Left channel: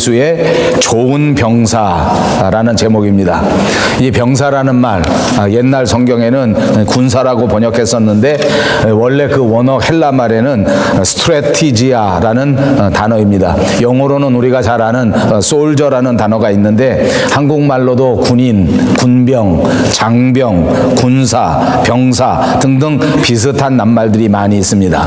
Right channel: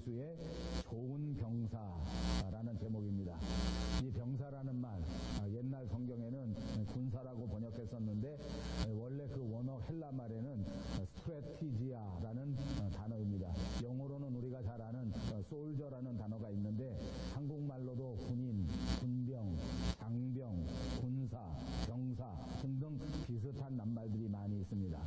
수의 좋은 병사라는 제목입니다. 이 병사라는 말, 옛날 성경에는 군사라고 번역했었는데 원래 그 원어 헬라 말에는 스트레티지아라는 단어입니다. 영어로는 우리가 잘 아는 솔저라는 단어가 있는데 한국말로도 군인, 군병, 장병, 군사, 병사 등등 비슷한 낱말들이 많이 있습니다.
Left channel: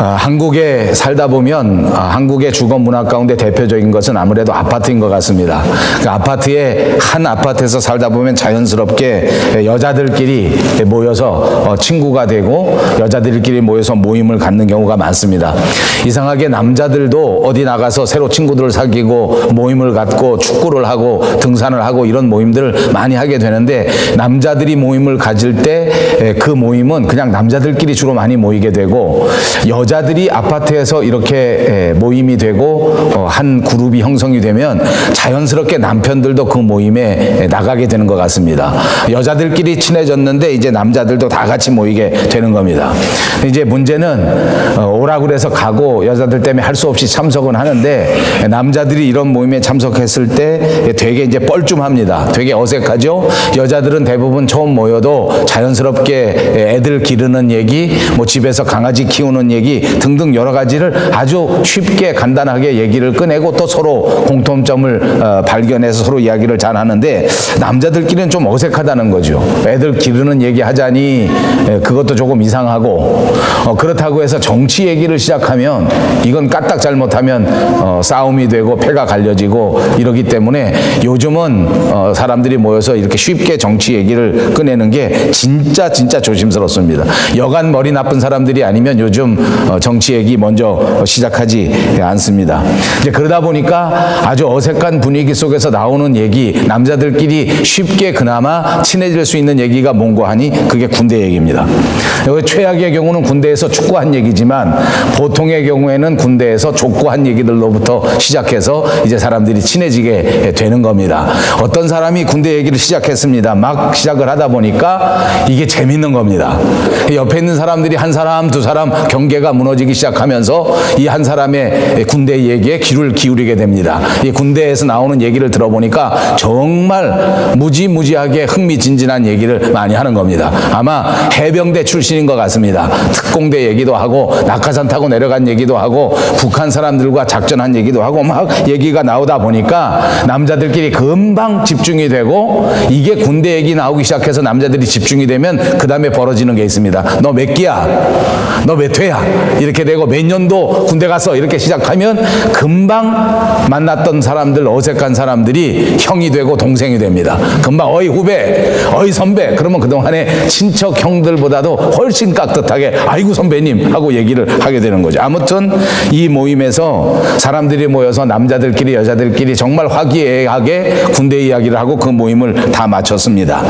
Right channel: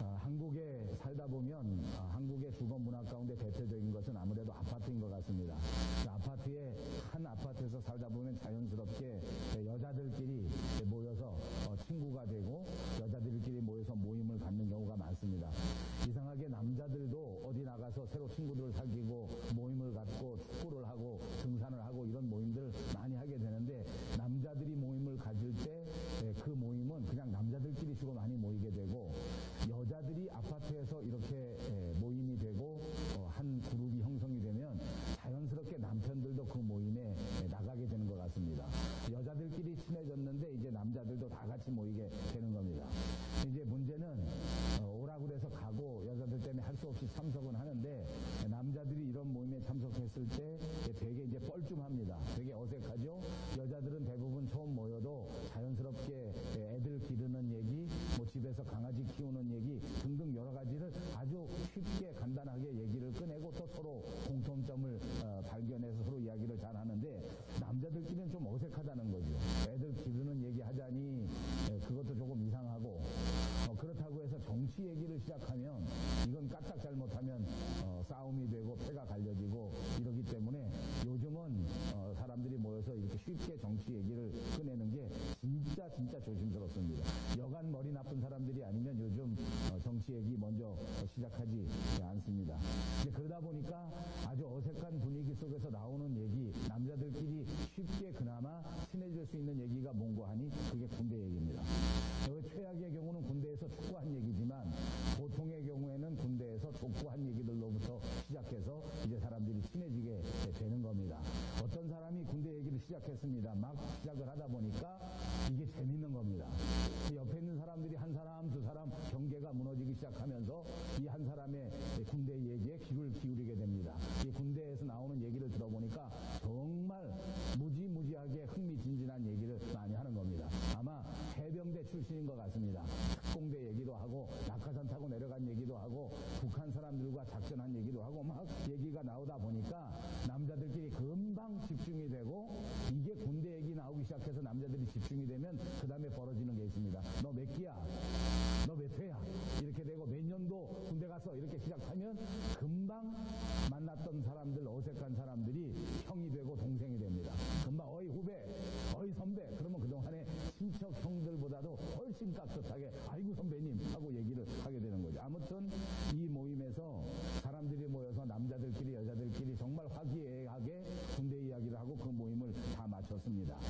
한국에 살다 보면 한국의 주거 문화 가운데 대표적인 것은 아무래도 아파트인 것 같습니다. 그 아파트에 한 아파트에서 살다 보면 자연스럽게 여자들끼리 모여서 친구가 되고 여자들끼리 모여서 모임을 갖는 경우가 많습니다. 이상하게 남자들도 어디 나가서 새로 친구들을 사귀고 모임을 갖고 축구를 하고 등산을 하고 이런 모임들을 많이 하게 되는데 남자들이 모임을 가질 때 그 모임은 그냥 남자들끼리 주로 많이 모이게 되고 여자들이 아파트에서 이렇게 모임이 되고 한 그룹이 형성이 되면 자연스럽게 남편들도 그 모임에 나가게 되는 것 같습니다. 여자들끼리 친해졌는데 이제 남자들도 다 같이 모이게 되는 겁니다. 이제 문제는 오라고 그래서 가고 여자들 때문에 할 수 없이 참석은 하는데 남자들이 이런 모임에 참석했을 때 되게 이제 뻘쭘합니다. 되게 어색하죠. 여자들은 대부분 처음 모여도 자연스럽게 애들 기르는 얘기, 뭐 집에서 강아지 키우는 얘기 등등 여러 가지를 아주 쉽게 간단하게 얘기를 꺼내고 또 서로 공통점을 발견해서 서로 이야기를 잘 하는데 남자들끼리는 좀 어색하다는 거죠. 애들 기르는 얘기 하자니 그것도 조금 이상하고 그렇다고 해서 정치 얘기를 시작하면 이건 까딱 잘못하면 싸움이 되고 패가 갈려지고 이러기 때문에 요즘은 사람들이 모여서 이렇게 쉽게 정치 얘기를 꺼내는 게 진짜 조심스럽습니다. 여간 머리 나쁜 사람들이 아니면 요즘 정치 얘기 먼저 시작하지 않습니다. 이제 그러다 보니까 아주 어색한 분위기 속에서 나오는 얘기, 남자들끼리 쉽게 그나마 친해질 수 있는 얘기가 뭔고 하니 그게 군대 얘기입니다. 여기 최악의 경우는 군대에서 축구한 얘기지만 보통의 경우에는 군대에서 족구한 얘기들로부터 시작해서 이제 사람들이 친해지게 되는 겁니다. 어떤 사람이 군대 얘기를 시작했습니다. 막 시작을 하다 보니까 이게 재밌는 겁니다. 옆에 있는 사람들이 한 사람, 두 사람 경계가 무너지기 시작하면서 이 한 사람의 군대 얘기에 귀를 기울이게 됩니다. 이 군대에서 나오는 얘기를 들어보니까 정말 무지무지하게 흥미진진한 얘기를 많이 하는 겁니다. 아마 해병대 출신인 것 같습니다. 특공대 얘기도 하고 낙하산 타고 내려간 얘기도 하고 북한 사람들과 작전한 얘기도 하고 막 얘기가 나오다 보니까 남자들끼리 금방 집중이 되고 이게 군대 얘기 나오기 시작해서 남자들이 집중이 되면 그 다음에 벌어지는 게 있습니다. 너 몇 기야? 너 몇 회야? 이렇게 되고 몇 년도 군대 갔어? 이렇게 시작하면 금방 만났던 사람들, 어색한 사람들이 형이 되고 동생이 됩니다. 금방 어이 후배, 어이 선배. 그러면 그동안에 친척 형들보다도 훨씬 깍듯하게 아이고 선배님 하고 얘기를 하게 되는 거죠. 아무튼 이 모임에서 사람들이 모여서 남자들끼리 여자들끼리 정말 화기애애하게 군대 이야기를 하고 그 모임을 다 마쳤습니다.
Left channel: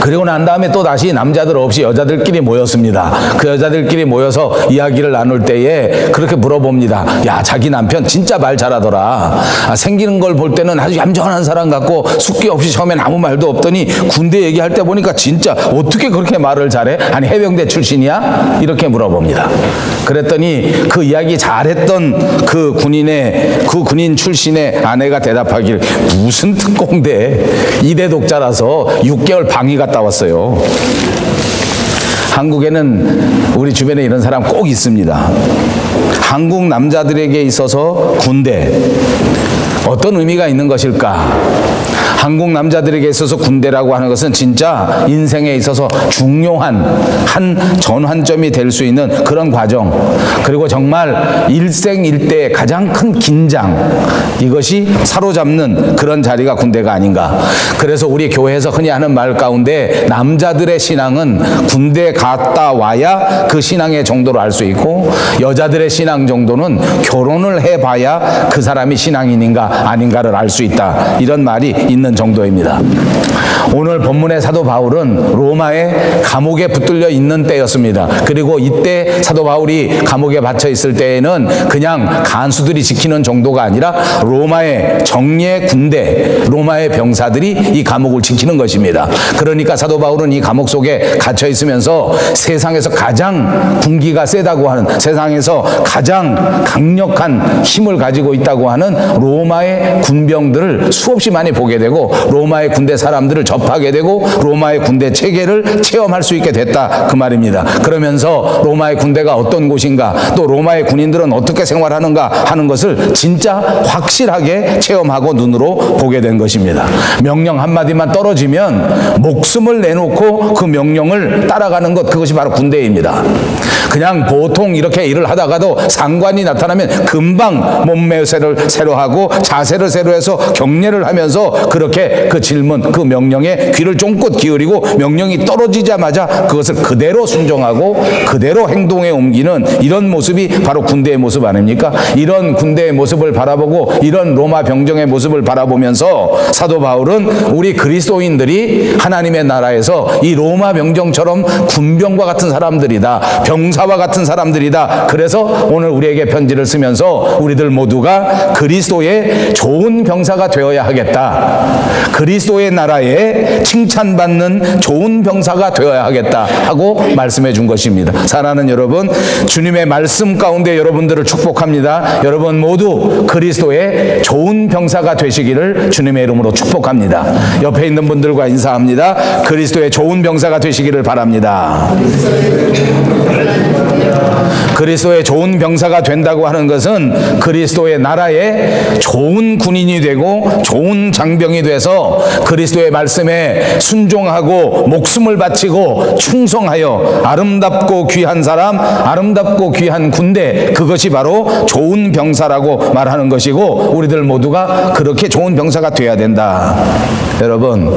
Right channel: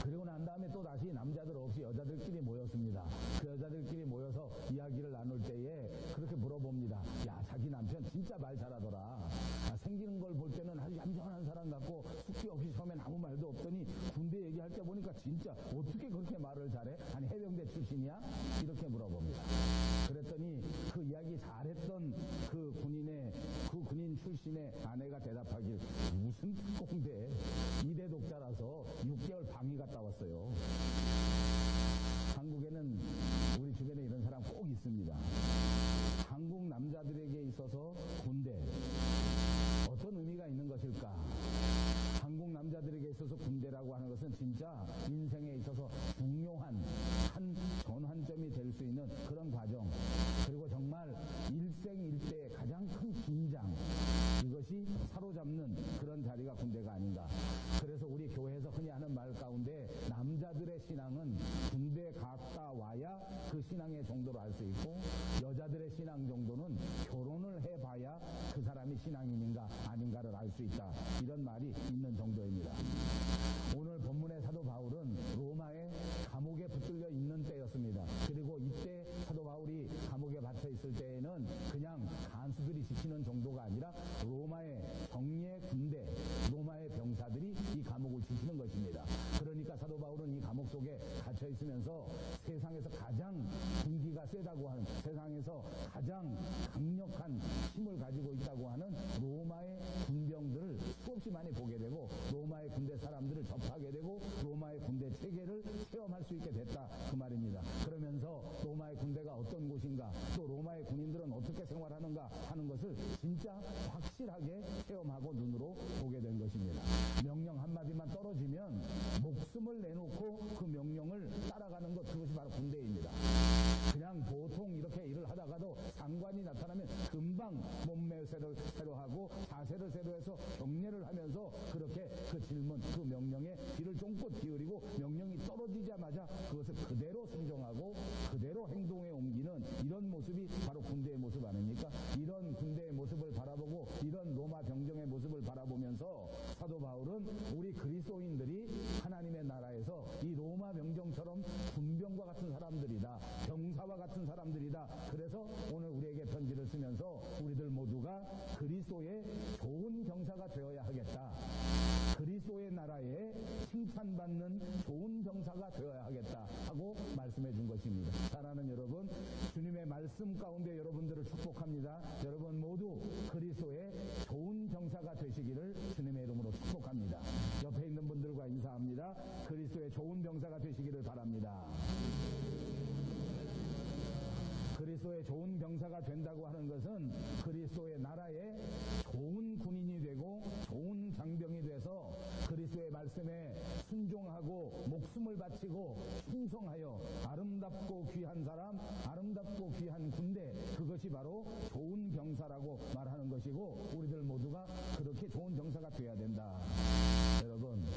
그리고 난 다음에 또 다시 남자들 없이 여자들끼리 모였습니다. 그 여자들끼리 모여서 이야기를 나눌 때에 그렇게 물어봅니다. 야, 자기 남편 진짜 말 잘하더라. 생기는 걸 볼 때는 아주 얌전한 사람 같고 숙기 없이 처음엔 아무 말도 없더니 군대 얘기할 때 보니까 진짜 어떻게 그렇게 말을 잘해? 아니 해병대 출신이야? 이렇게 물어봅니다. 그랬더니 그 이야기 잘했던 그 군인 출신의 아내가 대답하길 무슨 특공대, 이대 독자라서 6개월 방위 갔다 왔어요. 한국에는 우리 주변에 이런 사람 꼭 있습니다. 한국 남자들에게 있어서 군대 어떤 의미가 있는 것일까? 한국 남자들에게 있어서 군대라고 하는 것은 진짜 인생에 있어서 중요한 한 전환점이 될 수 있는 그런 과정, 그리고 정말 일생일대의 가장 큰 긴장, 이것이 사로잡는 그런 자리가 군대가 아닌가. 그래서 우리 교회에서 흔히 하는 말 가운데 남자들의 신앙은 군대 갔다 와야 그 신앙의 정도를 알 수 있고 여자들의 신앙 정도는 결혼을 해봐야 그 사람이 신앙인인가 아닌가를 알 수 있다. 이런 말이 있는 정도입니다. 오늘 본문의 사도 바울은 로마의 감옥에 붙들려 있는 때였습니다. 그리고 이때 사도 바울이 감옥에 갇혀 있을 때에는 그냥 간수들이 지키는 정도가 아니라 로마의 정예 군대, 로마의 병사들이 이 감옥을 지키는 것입니다. 그러니까 사도 바울은 이 감옥 속에 갇혀 있으면서 세상에서 가장 군기가 세다고 하는, 세상에서 가장 강력한 힘을 가지고 있다고 하는 로마의 군병들을 수없이 많이 보게 되고, 로마의 군대 사람들을 접하게 되고, 로마의 군대 체계를 체험할 수 있게 됐다, 그 말입니다. 그러면서 로마의 군대가 어떤 곳인가, 또 로마의 군인들은 어떻게 생활하는가 하는 것을 진짜 확실하게 체험하고 눈으로 보게 된 것입니다. 명령 한마디만 떨어지면 목숨을 내놓고 그 명령을 따라가는 것, 그것이 바로 군대입니다. 그냥 보통 이렇게 일을 하다가도 상관이 나타나면 금방 몸매새를 새로 하고 자세를 새로 해서 경례를 하면서 그렇게 그 질문, 그 명령에 귀를 쫑긋 기울이고 명령이 떨어지자마자 그것을 그대로 순종하고 그대로 행동에 옮기는 이런 모습이 바로 군대의 모습 아닙니까? 이런 군대의 모습을 바라보고 이런 로마 병정의 모습을 바라보면서 사도 바울은 우리 그리스도인들이 하나님의 나라에서 이 로마 병정처럼 군병과 같은 사람들이다, 병사와 같은 사람들이다. 그래서 오늘 우리에게 편지를 쓰면서 우리들 모두가 그리스도의 좋은 병사가 되어야 하겠다, 그리스도의 나라에 칭찬받는 좋은 병사가 되어야 하겠다 하고 말씀해 준 것입니다. 사랑하는 여러분, 주님의 말씀 가운데 여러분들을 축복합니다. 여러분 모두 그리스도의 좋은 병사가 되시기를 주님의 이름으로 축복합니다. 옆에 있는 분들과 인사합니다. 그리스도의 좋은 병사가 되시기를 바랍니다. 그리스도의 좋은 병사가 된다고 하는 것은 그리스도의 나라에 좋은 군인이 되고 좋은 장병이 돼서 그리스도의 말씀에 순종하고 목숨을 바치고 충성하여 아름답고 귀한 사람, 아름답고 귀한 군대, 그것이 바로 좋은 병사라고 말하는 것이고, 우리들 모두가 그렇게 좋은 병사가 돼야 된다. 여러분,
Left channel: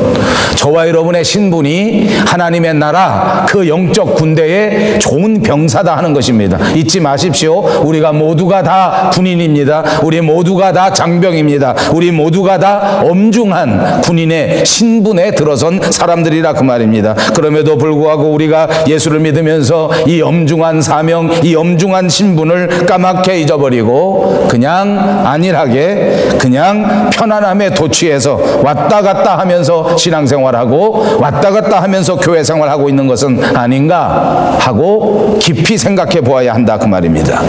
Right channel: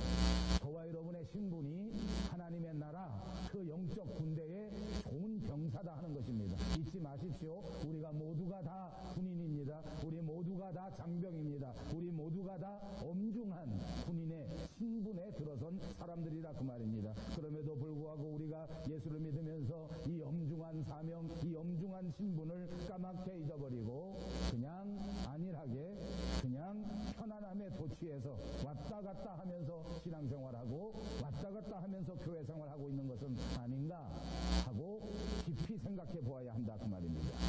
저와 여러분의 신분이 하나님의 나라 그 영적 군대의 좋은 병사다 하는 것입니다. 잊지 마십시오. 우리가 모두가 다 군인입니다. 우리 모두가 다 장병입니다. 우리 모두가 다 엄중한 군인의 신분에 들어선 사람들이라 그 말입니다. 그럼에도 불구하고 우리가 예수를 믿으면서 이 엄중한 사명, 이 엄중한 신분을 까맣게 잊어버리고 그냥 안일하게, 그냥 편안함에 도취해서 왔다 갔다 하면서 신앙생활하고 왔다 갔다 하면서 교회생활하고 있는 것은 아닌가 하고 깊이 생각해 보아야 한다 그 말입니다.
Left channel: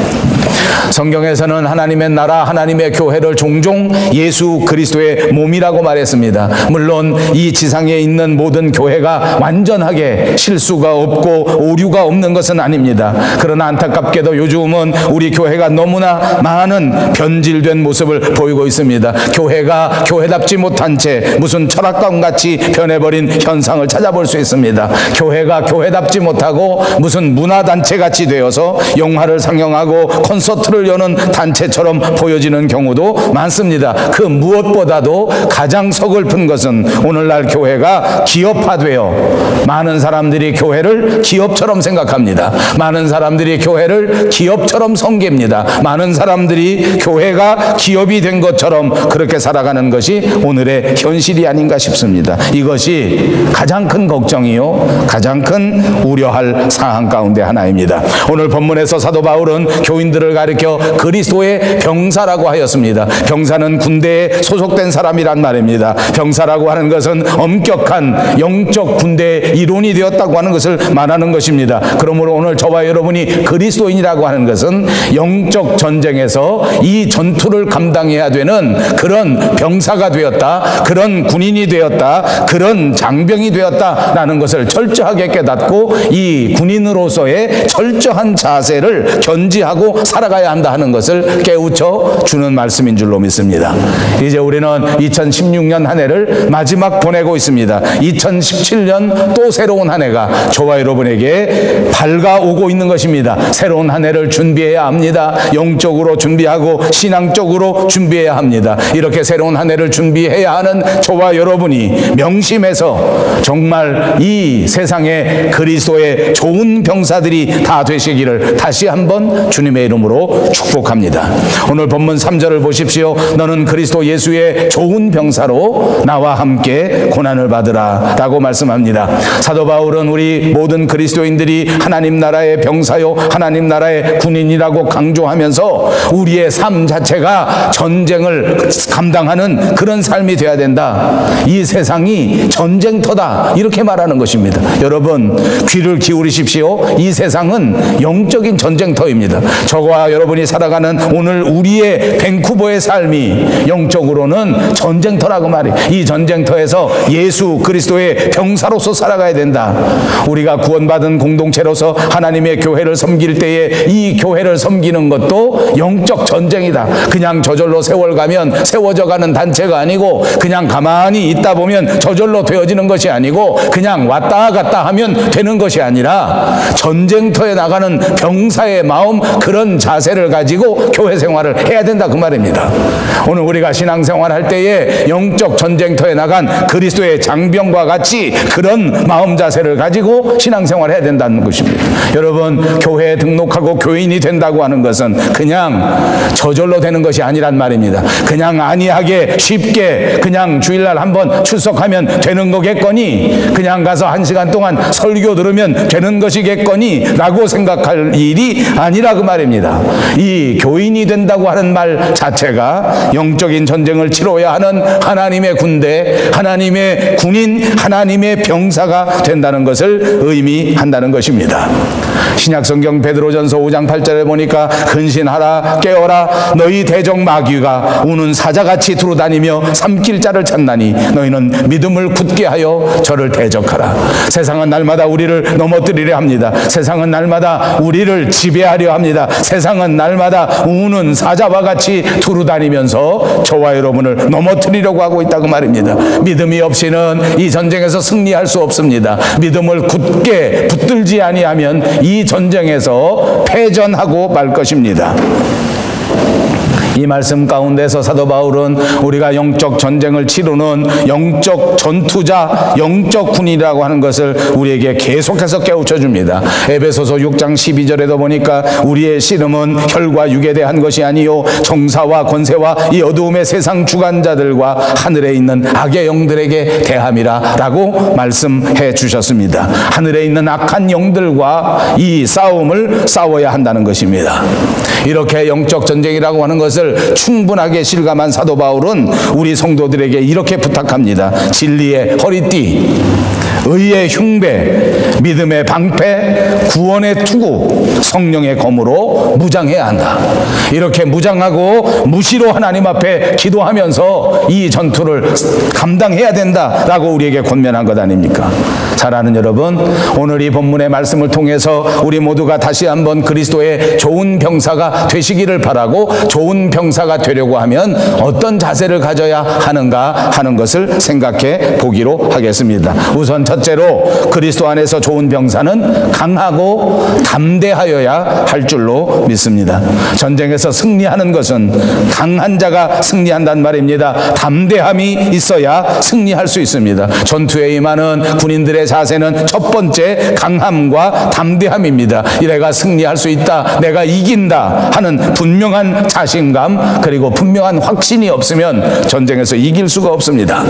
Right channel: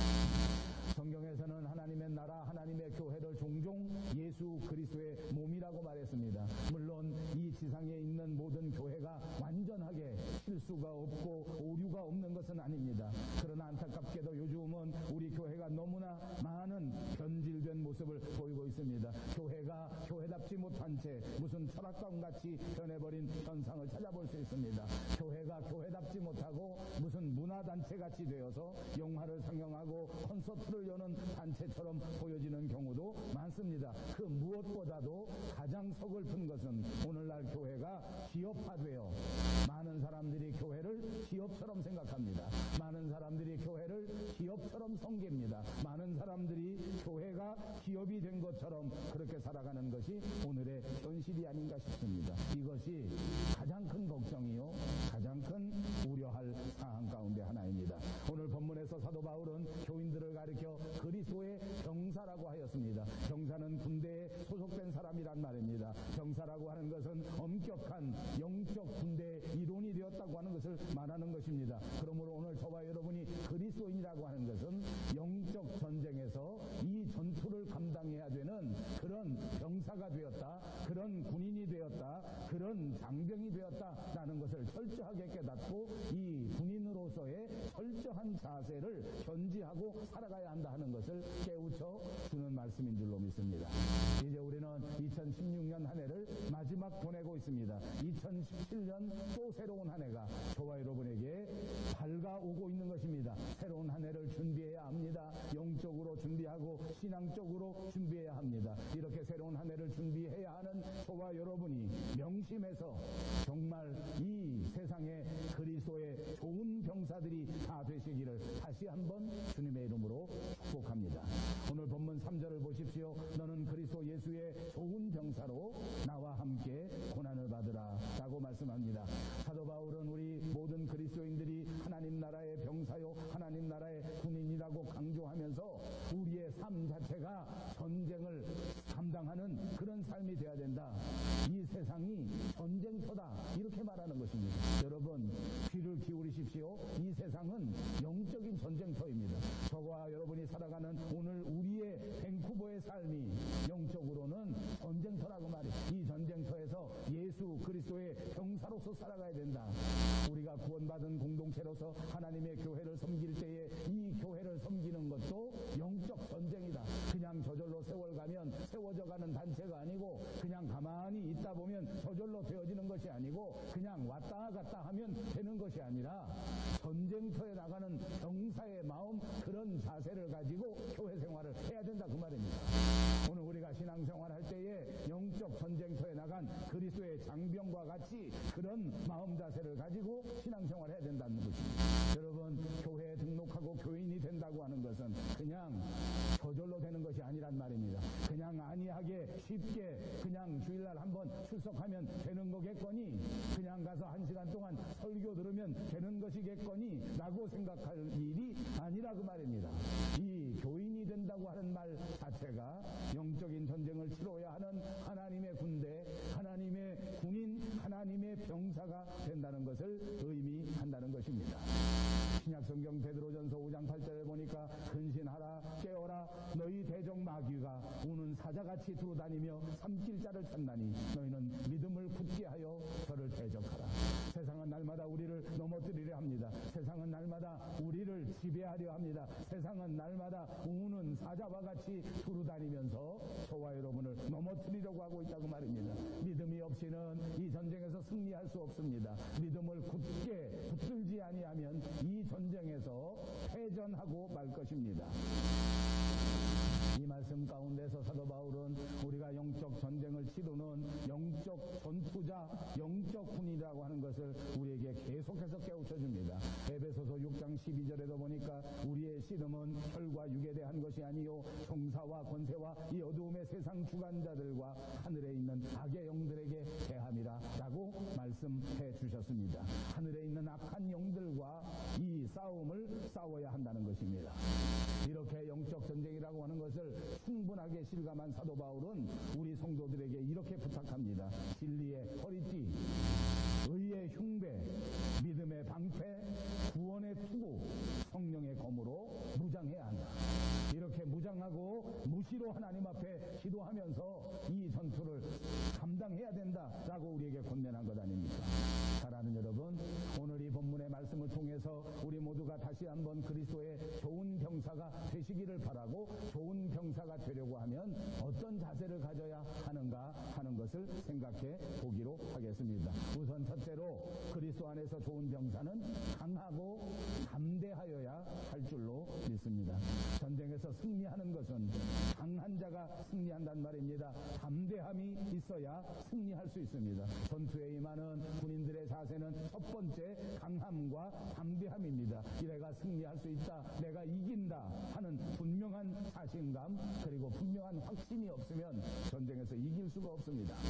성경에서는 하나님의 나라, 하나님의 교회를 종종 예수 그리스도의 몸이라고 말했습니다. 물론 이 지상에 있는 모든 교회가 완전하게 실수가 없고 오류가 없는 것은 아닙니다. 그러나 안타깝게도 요즘은 우리 교회가 너무나 많은 변질된 모습을 보이고 있습니다. 교회가 교회답지 못한 채 무슨 철학관같이 변해버린 현상을 찾아볼 수 있습니다. 교회가 교회답지 못하고 무슨 문화단체같이 되어서 영화를 상영하고 콘서트를 여는 단체처럼 보여지는 경우도 많습니다. 그 무엇보다도 가장 서글픈 것은 오늘날 교회가 기업화되어 많은 사람들이 교회를 기업처럼 생각합니다. 많은 사람들이 교회를 기업처럼 섬깁니다. 많은 사람들이 교회가 기업이 된 것처럼 그렇게 살아가는 것이 오늘의 현실이 아닌가 싶습니다. 이것이 가장 큰 걱정이요, 가장 큰 우려할 사항 가운데 하나입니다. 오늘 본문에서 사도 바울은 교인들을 가리켜 그리스도의 병사라고 하였습니다. 병사는 군대에 소속된 사람이란 말입니다. 병사라고 하는 것은 엄격한 영적 군대의 일원이 되었다고 하는 것을 말하는 것입니다. 그러므로 오늘 저와 여러분이 그리스도인이라고 하는 것은 영적 전쟁에서 이 전투를 감당해야 되는 그런 병사가 되었다, 그런 군인이 되었다, 그런 장병이 되었다라는 것을 철저하게 깨닫고 이 군인으로서의 철저한 자세를 견지하고 살아가야 한다 하는 것을 깨우쳐 주는 말씀인 줄로 믿습니다. 이제 우리는 2016년 한 해를 마지막 보내고 있습니다. 2017년 또 새로운 한 해가 저와 여러분에게 밝아오고 있는 것입니다. 새로운 한 해를 준비해야 합니다. 영적으로 준비하고 신앙적으로 준비해야 합니다. 이렇게 새로운 한 해를 준비해야 하는 저와 여러분이 명심해서 정말 이 세상에 그리스도의 좋은 병사들이 다 되시기를 다시 한번 주님의 이름으로 이름으로 축복합니다. 오늘 본문 3절을 보십시오. 너는 그리스도 예수의 좋은 병사로 나와 함께 고난을 받으라 라고 말씀합니다. 사도 바울은 우리 모든 그리스도인들이 하나님 나라의 병사요 하나님 나라의 군인이라고 강조하면서 우리의 삶 자체가 전쟁을 감당하는 그런 삶이 되어야 된다. 이 세상이 전쟁터다 이렇게 말하는 것입니다. 여러분 귀를 기울이십시오. 이 세상은 영적인 전쟁터입니다. 저와 여러분이 살아가는 오늘 우리의 밴쿠버의 삶이 영적으로는 전쟁터라고 말이에요. 이 전쟁터에서 예수 그리스도의 병사로서 살아가야 된다. 우리가 구원받은 공동체로서 하나님의 교회를 섬길 때에 이 교회를 섬기는 것도 영적 전쟁이다. 그냥 저절로 세월 가면 세워져 가는 단체가 아니고 그냥 가만히 있다 보면 저절로 되어지는 것이 아니고 그냥 왔다 갔다 하면 되는 것이 아니라 전쟁터에 나가는 병사의 마음, 그런 자세를 가지고 교회 생활을 해야 된다 그 말입니다. 오늘 우리가 신앙생활 할 때에 영적 전쟁터에 나간 그리스도의 장병과 같이 그런 마음 자세를 가지고 신앙생활을 해야 된다는 것입니다. 여러분 교회에 등록하고 교인이 된다고 하는 것은 그냥 저절로 되는 것이 아니란 말입니다. 그냥 안이하게 쉽게 그냥 주일날 한번 출석하면 되는 거겠거니, 그냥 가서 1시간 동안 설교 들으면 되는 것이겠거니 라고 생각할 일이 아니라 그 말입니다. 이 교인이 된다고 하는 말 자체가 영적인 전쟁을 치러야 하는 하나님의 군대, 하나님의 군인, 하나님의 병사가 된다는 것을 의미한다는 것입니다. 신약성경 베드로전서 5장 8절에 보니까 근신하라 깨어라 너희 대적 마귀가 우는 사자같이 두루다니며 삼킬 자를 찾나니 너희는 믿음을 굳게 하여 저를 대적하라. 세상은 날마다 우리를 넘어뜨리려 합니다. 세상은 날마다 우리를 지배하려 합니다. 세상은 날마다 우는 사자와 같이 두루다니면서 저와 여러분을 넘어뜨리려고 하고 있다고 말입니다. 믿음이 없이는 이 전쟁에서 승리할 수 없습니다. 믿음을 굳게 붙들지 아니하면 이 전쟁에서 패전하고 말 것입니다. 이 말씀 가운데서 사도 바울은 우리가 영적 전쟁을 치르는 영적 전투자, 영적 군이라고 하는 것을 우리에게 계속해서 깨우쳐 줍니다. 에베소서 6장 12절에도 보니까 우리의 씨름은 혈과 육에 대한 것이 아니요 정사와 권세와 이 어두움의 세상 주관자들과 하늘에 있는 악의 영들에게 대함이라 라고 말씀해 주셨습니다. 하늘에 있는 악한 영들과 이 싸움을 싸워야 한다는 것입니다. 이렇게 영적 전쟁이라고 하는 것을 충분하게 실감한 사도 바울은 우리 성도들에게 이렇게 부탁합니다. 진리의 허리띠, 의의 흉배, 믿음의 방패, 구원의 투구, 성령의 검으로 무장해야 한다. 이렇게 무장하고 무시로 하나님 앞에 기도하면서 이 전투를 감당해야 된다라고 우리에게 권면한 것 아닙니까? 잘 아는 여러분, 오늘 이 본문의 말씀을 통해서 우리 모두가 다시 한번 그리스도의 좋은 병사가 되시기를 바라고, 좋은 병사가 되려고 하면 어떤 자세를 가져야 하는가 하는 것을 생각해 보기로 하겠습니다. 우선 첫째로 그리스도 안에서 좋은 병사는 강하고 담대하여야 할 줄로 믿습니다. 전쟁에서 승리하는 것은 강한 자가 승리한단 말입니다. 담대함이 있어야 승리할 수 있습니다. 전투에 임하는 군인들의 자세는 첫 번째 강함과 담대함입니다. 내가 승리할 수 있다, 내가 이긴다 하는 분명한 자신감, 그리고 분명한 확신이 없으면 전쟁에서 이길 수가 없습니다.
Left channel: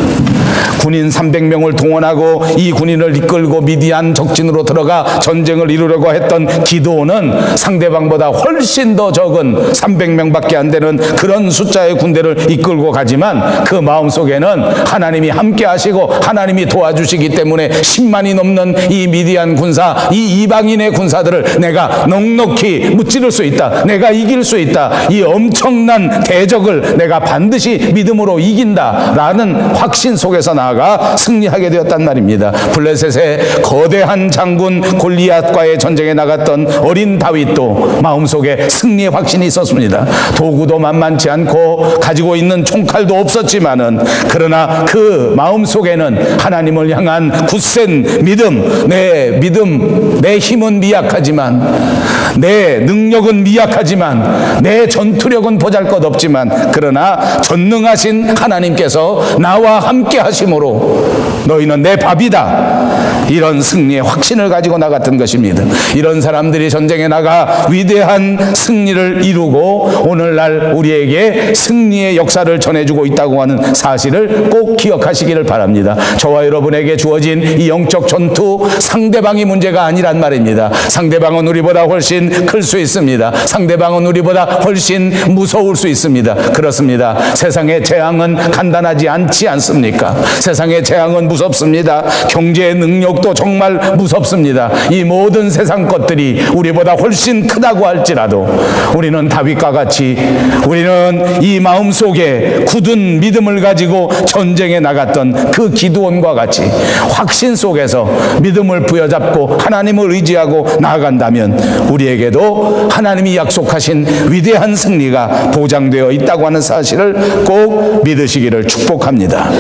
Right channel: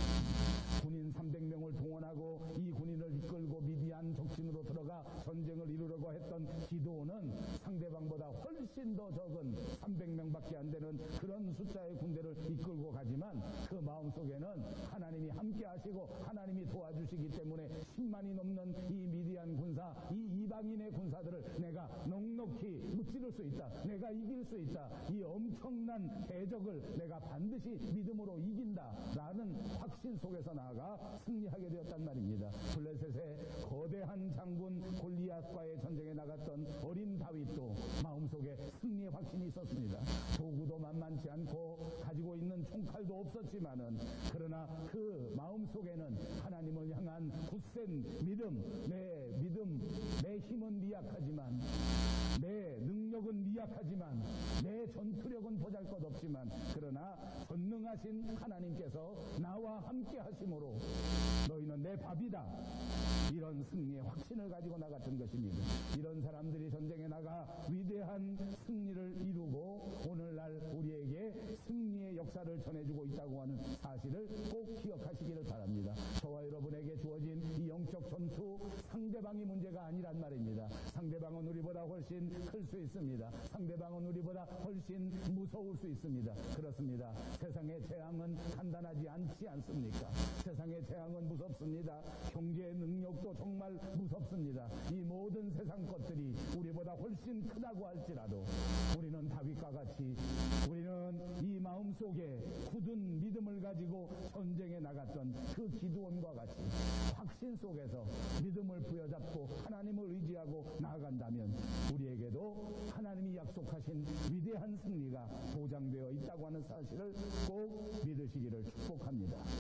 군인 300명을 동원하고 이 군인을 이끌고 미디안 적진으로 들어가 전쟁을 이루려고 했던 기드온은 상대방보다 훨씬 더 적은 300명밖에 안 되는 그런 숫자의 군대를 이끌고 가지만 그 마음속에는 하나님이 함께 하시고 하나님이 도와주시기 때문에 10만이 넘는 이 미디안 군사, 이 이방인의 군사들을 내가 넉넉히 무찌를 수 있다, 내가 이길 수 있다, 이 엄청난 대적을 내가 반드시 믿음으로 이긴다라는 확신 속에서 나아가 승리하게 되었단 말입니다. 블레셋의 거대한 장군 골리앗과의 전쟁에 나갔던 어린 다윗도 마음속에 승리의 확신이 있었습니다. 도구도 만만치 않고 가지고 있는 총칼도 없었지만은, 그러나 그 마음속에는 하나님을 향한 굳센 믿음, 내 힘은 미약하지만, 내 능력은 미약하지만, 내 전투력은 보잘것없지만, 그러나 전능하신 하나님께서 나와 함께 하심으로 너희는 내 밥이다, 이겨야 이런 승리의 확신을 가지고 나갔던 것입니다. 이런 사람들이 전쟁에 나가 위대한 승리를 이루고 오늘날 우리에게 승리의 역사를 전해주고 있다고 하는 사실을 꼭 기억하시기를 바랍니다. 저와 여러분에게 주어진 이 영적 전투, 상대방이 문제가 아니란 말입니다. 상대방은 우리보다 훨씬 클 수 있습니다. 상대방은 우리보다 훨씬 무서울 수 있습니다. 그렇습니다. 세상의 재앙은 간단하지 않지 않습니까? 세상의 재앙은 무섭습니다. 경제의 능력도 정말 무섭습니다. 이 모든 세상 것들이 우리보다 훨씬 크다고 할지라도 우리는 다윗과 같이, 우리는 이 마음속에 굳은 믿음을 가지고 전쟁에 나갔던 그 기드온과 같이 확신 속에서 믿음을 부여잡고 하나님을 의지하고 나아간다면 우리에게도 하나님이 약속하신 위대한 승리가 보장되어 있다고 하는 사실을 꼭 믿으시기를 축복합니다.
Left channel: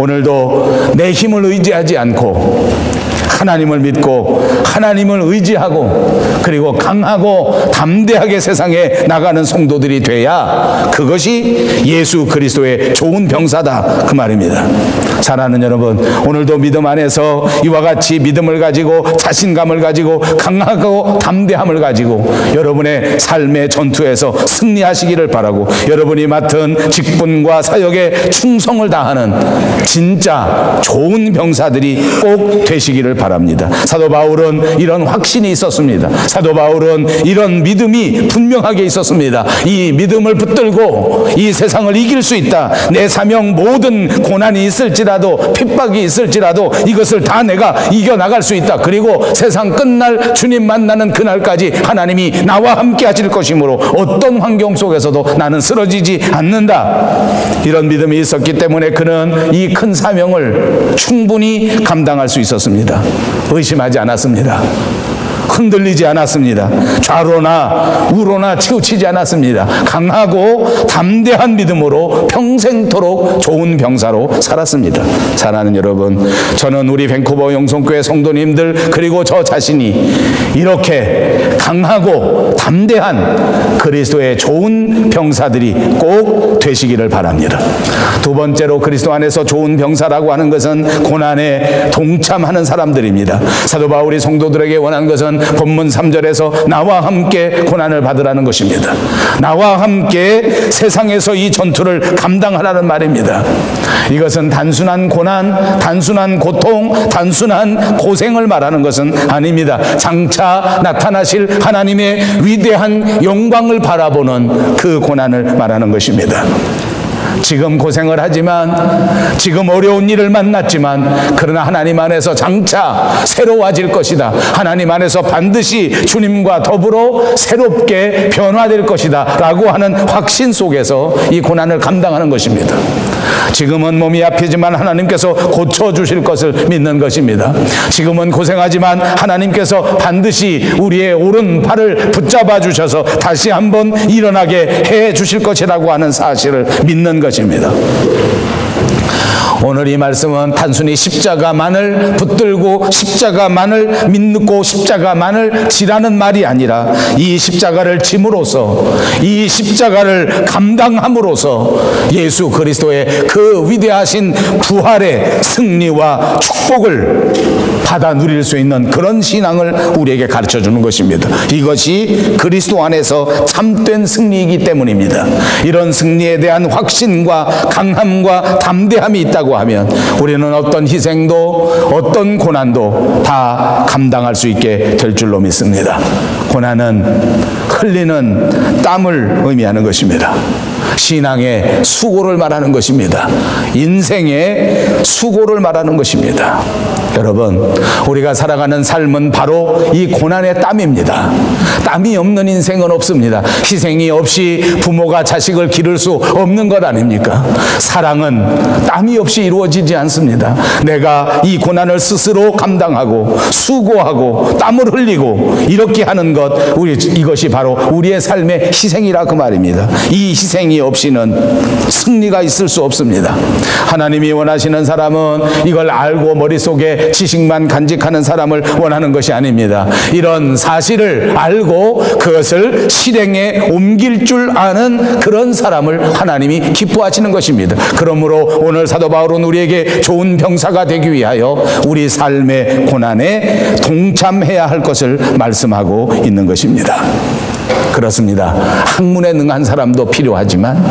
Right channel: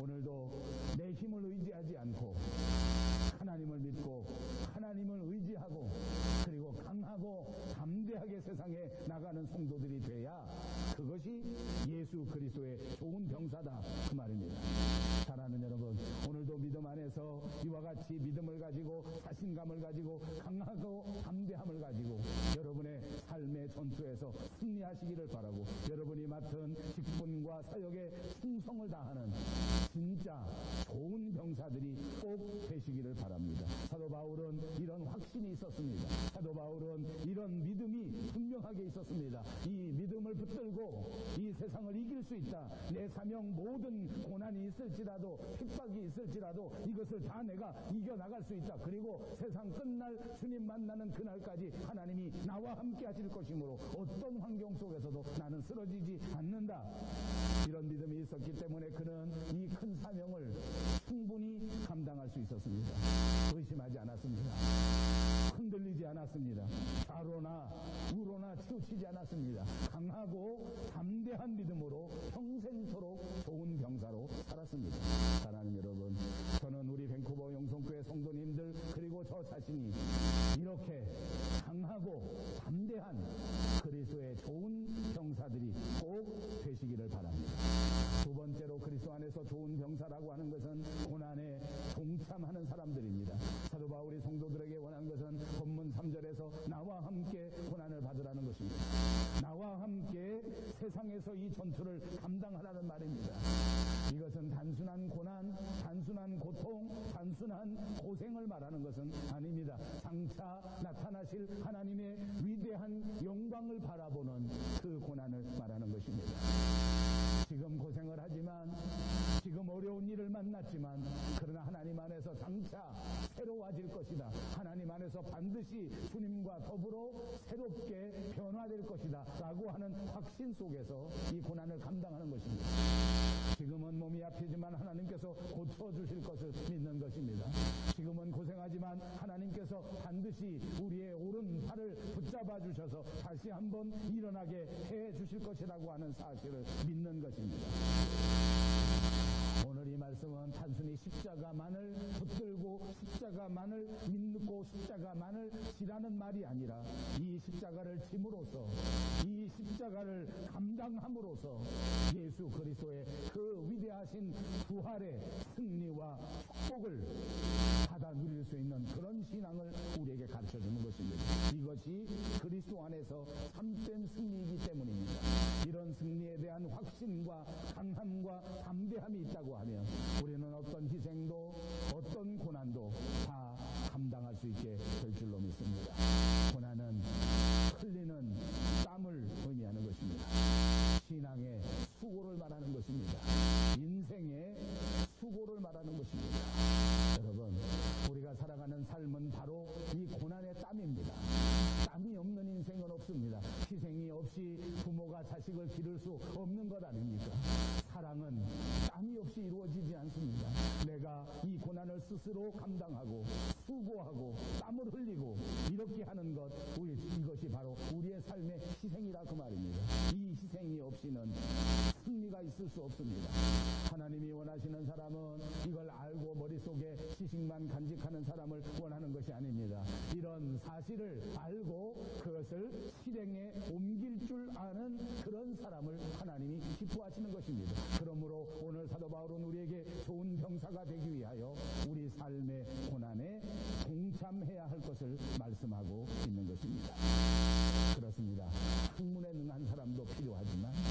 오늘도 내 힘을 의지하지 않고 하나님을 믿고 하나님을 의지하고 그리고 강하고 담대하게 세상에 나가는 성도들이 돼야 그것이 예수 그리스도의 좋은 병사다, 그 말입니다. 사랑하는 여러분, 오늘도 믿음 안에서 이와 같이 믿음을 가지고 자신감을 가지고 강하고 담대함을 가지고 여러분의 삶의 전투에서 승리하시기를 바라고, 여러분이 맡은 직분과 사역에 충성을 다하는 진짜 좋은 병사들이 꼭 되시기를 바랍니다. 사도 바울은 이런 확신이 있었습니다. 사도 바울은 이런 믿음이 분명하게 있었습니다. 이 믿음을 붙들고 이 세상을 이길 수 있다. 내 사명, 모든 고난이 있을지라도 핍박이 있을지라도 이것을 다 내가 이겨나갈 수 있다. 그리고 세상 끝날 주님 만나는 그날까지 하나님이 나와 함께 하실 것이므로 어떤 환경 속에서도 나는 쓰러지지 않는다. 이런 믿음이 있었기 때문에 그는 이 큰 사명을 충분히 감당할 수 있었습니다. 의심하지 않았습니다. 흔들리지 않았습니다. 좌로나 우로나 치우치지 않았습니다. 강하고 담대한 믿음으로 평생토록 좋은 병사로 살았습니다. 사랑하는 여러분, 저는 우리 밴쿠버 영성교회 성도님들 그리고 저 자신이 이렇게 강하고 담대한 그리스도의 좋은 병사들이 꼭 되시기를 바랍니다. 두 번째로, 그리스도 안에서 좋은 병사라고 하는 것은 고난에 동참하는 사람들입니다. 사도 바울이 성도들에게 원한 것은 본문 3절에서 나와 함께 고난을 받으라는 것입니다. 나와 함께 세상에서 이 전투를 감당하라는 말입니다. 이것은 단순한 고난, 단순한 고통, 단순한 고생을 말하는 것은 아닙니다. 장차 나타나실 하나님의 위대한 영광을 바라보는 그 고난을 말하는 것입니다. 지금 고생을 하지만, 지금 어려운 일을 만났지만, 그러나 하나님 안에서 장차 새로워질 것이다. 하나님 안에서 반드시 주님과 더불어 새롭게 변화될 것이다 라고 하는 확신 속에서 이 고난을 감당하는 것입니다. 지금은 몸이 아프지만 하나님께서 고쳐주실 것을 믿는 것입니다. 지금은 고생하지만 하나님께서 반드시 우리의 오른팔을 붙잡아 주셔서 다시 한번 일어나게 해 주실 것이라고 하는 사실을 믿는 것입니다. 오늘 이 말씀은 단순히 십자가만을 붙들고 십자가만을 믿고 십자가만을 지라는 말이 아니라 이 십자가를 짐으로써, 이 십자가를 감당함으로써 예수 그리스도의 그 위대하신 부활의 승리와 축복을 받아 누릴 수 있는 그런 신앙을 우리에게 가르쳐 주는 것입니다. 이것이 그리스도 안에서 참된 승리이기 때문입니다. 이런 승리에 대한 확신과 강함과 담대함이 있다고 하면 우리는 어떤 희생도 어떤 고난도 다 감당할 수 있게 될 줄로 믿습니다. 고난은 흘리는 땀을 의미하는 것입니다. 신앙의 수고를 말하는 것입니다. 인생의 수고를 말하는 것입니다. 여러분, 우리가 살아가는 삶은 바로 이 고난의 땀입니다. 땀이 없는 인생은 없습니다. 희생이 없이 부모가 자식을 기를 수 없는 것 아닙니까? 사랑은 땀이 없이 이루어지지 않습니다. 내가 이 고난을 스스로 감당하고 수고하고 땀을 흘리고 이렇게 하는 것, 이것이 바로 우리의 삶의 희생이라 그 말입니다. 이 희생이 없이는 승리가 있을 수 없습니다. 하나님이 원하시는 사람은 이걸 알고 머릿속에 지식만 간직하는 사람을 원하는 것이 아닙니다. 이런 사실을 알고 그것을 실행에 옮길 줄 아는 그런 사람을 하나님이 기뻐하시는 것입니다. 그러므로 오늘 사도 바울은 우리에게 좋은 병사가 되기 위하여 우리 삶의 고난에 동참해야 할 것을 말씀하고 있는 것입니다. 그렇습니다. 학문에 능한 사람도 필요하지만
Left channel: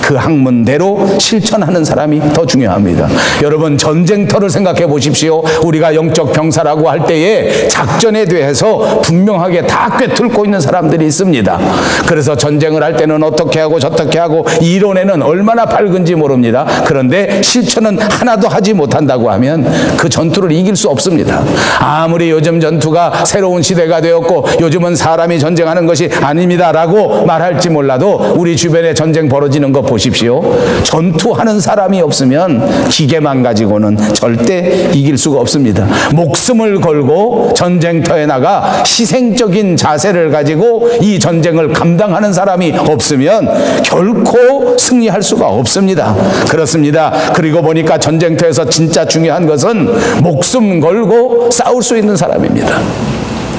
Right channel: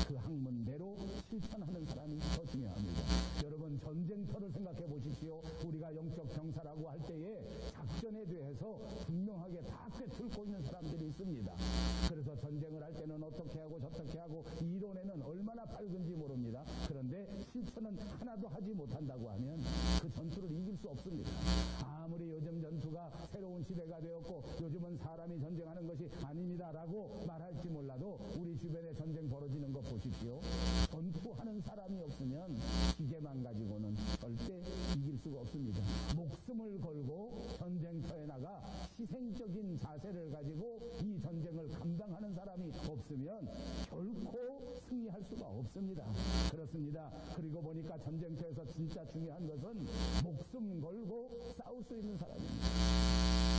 그 학문대로 실천하는 사람이 더 중요합니다. 여러분, 전쟁터를 생각해 보십시오. 우리가 영적 병사라고 할 때에 작전에 대해서 분명하게 다 꿰뚫고 있는 사람들이 있습니다. 그래서 전쟁을 할 때는 어떻게 하고 저떻게 하고 이론에는 얼마나 밝은지 모릅니다. 그런데 실천은 하나도 하지 못한다고 하면 그 전투를 이길 수 없습니다. 아무리 요즘 전투가 새로운 시대가 되었고 요즘은 사람이 전쟁하는 것이 아닙니다 라고 말할지 몰라도 우리 주변에 전쟁 벌어지는 거 보십시오. 전투하는 사람이 없으면 기계만 가지고는 절대 이길 수가 없습니다. 목숨을 걸고 전쟁터에 나가 희생적인 자세를 가지고 이 전쟁을 감당하는 사람이 없으면 결코 승리할 수가 없습니다. 그렇습니다. 그리고 보니까 전쟁터에서 진짜 중요한 것은 목숨 걸고 싸울 수 있는 사람입니다.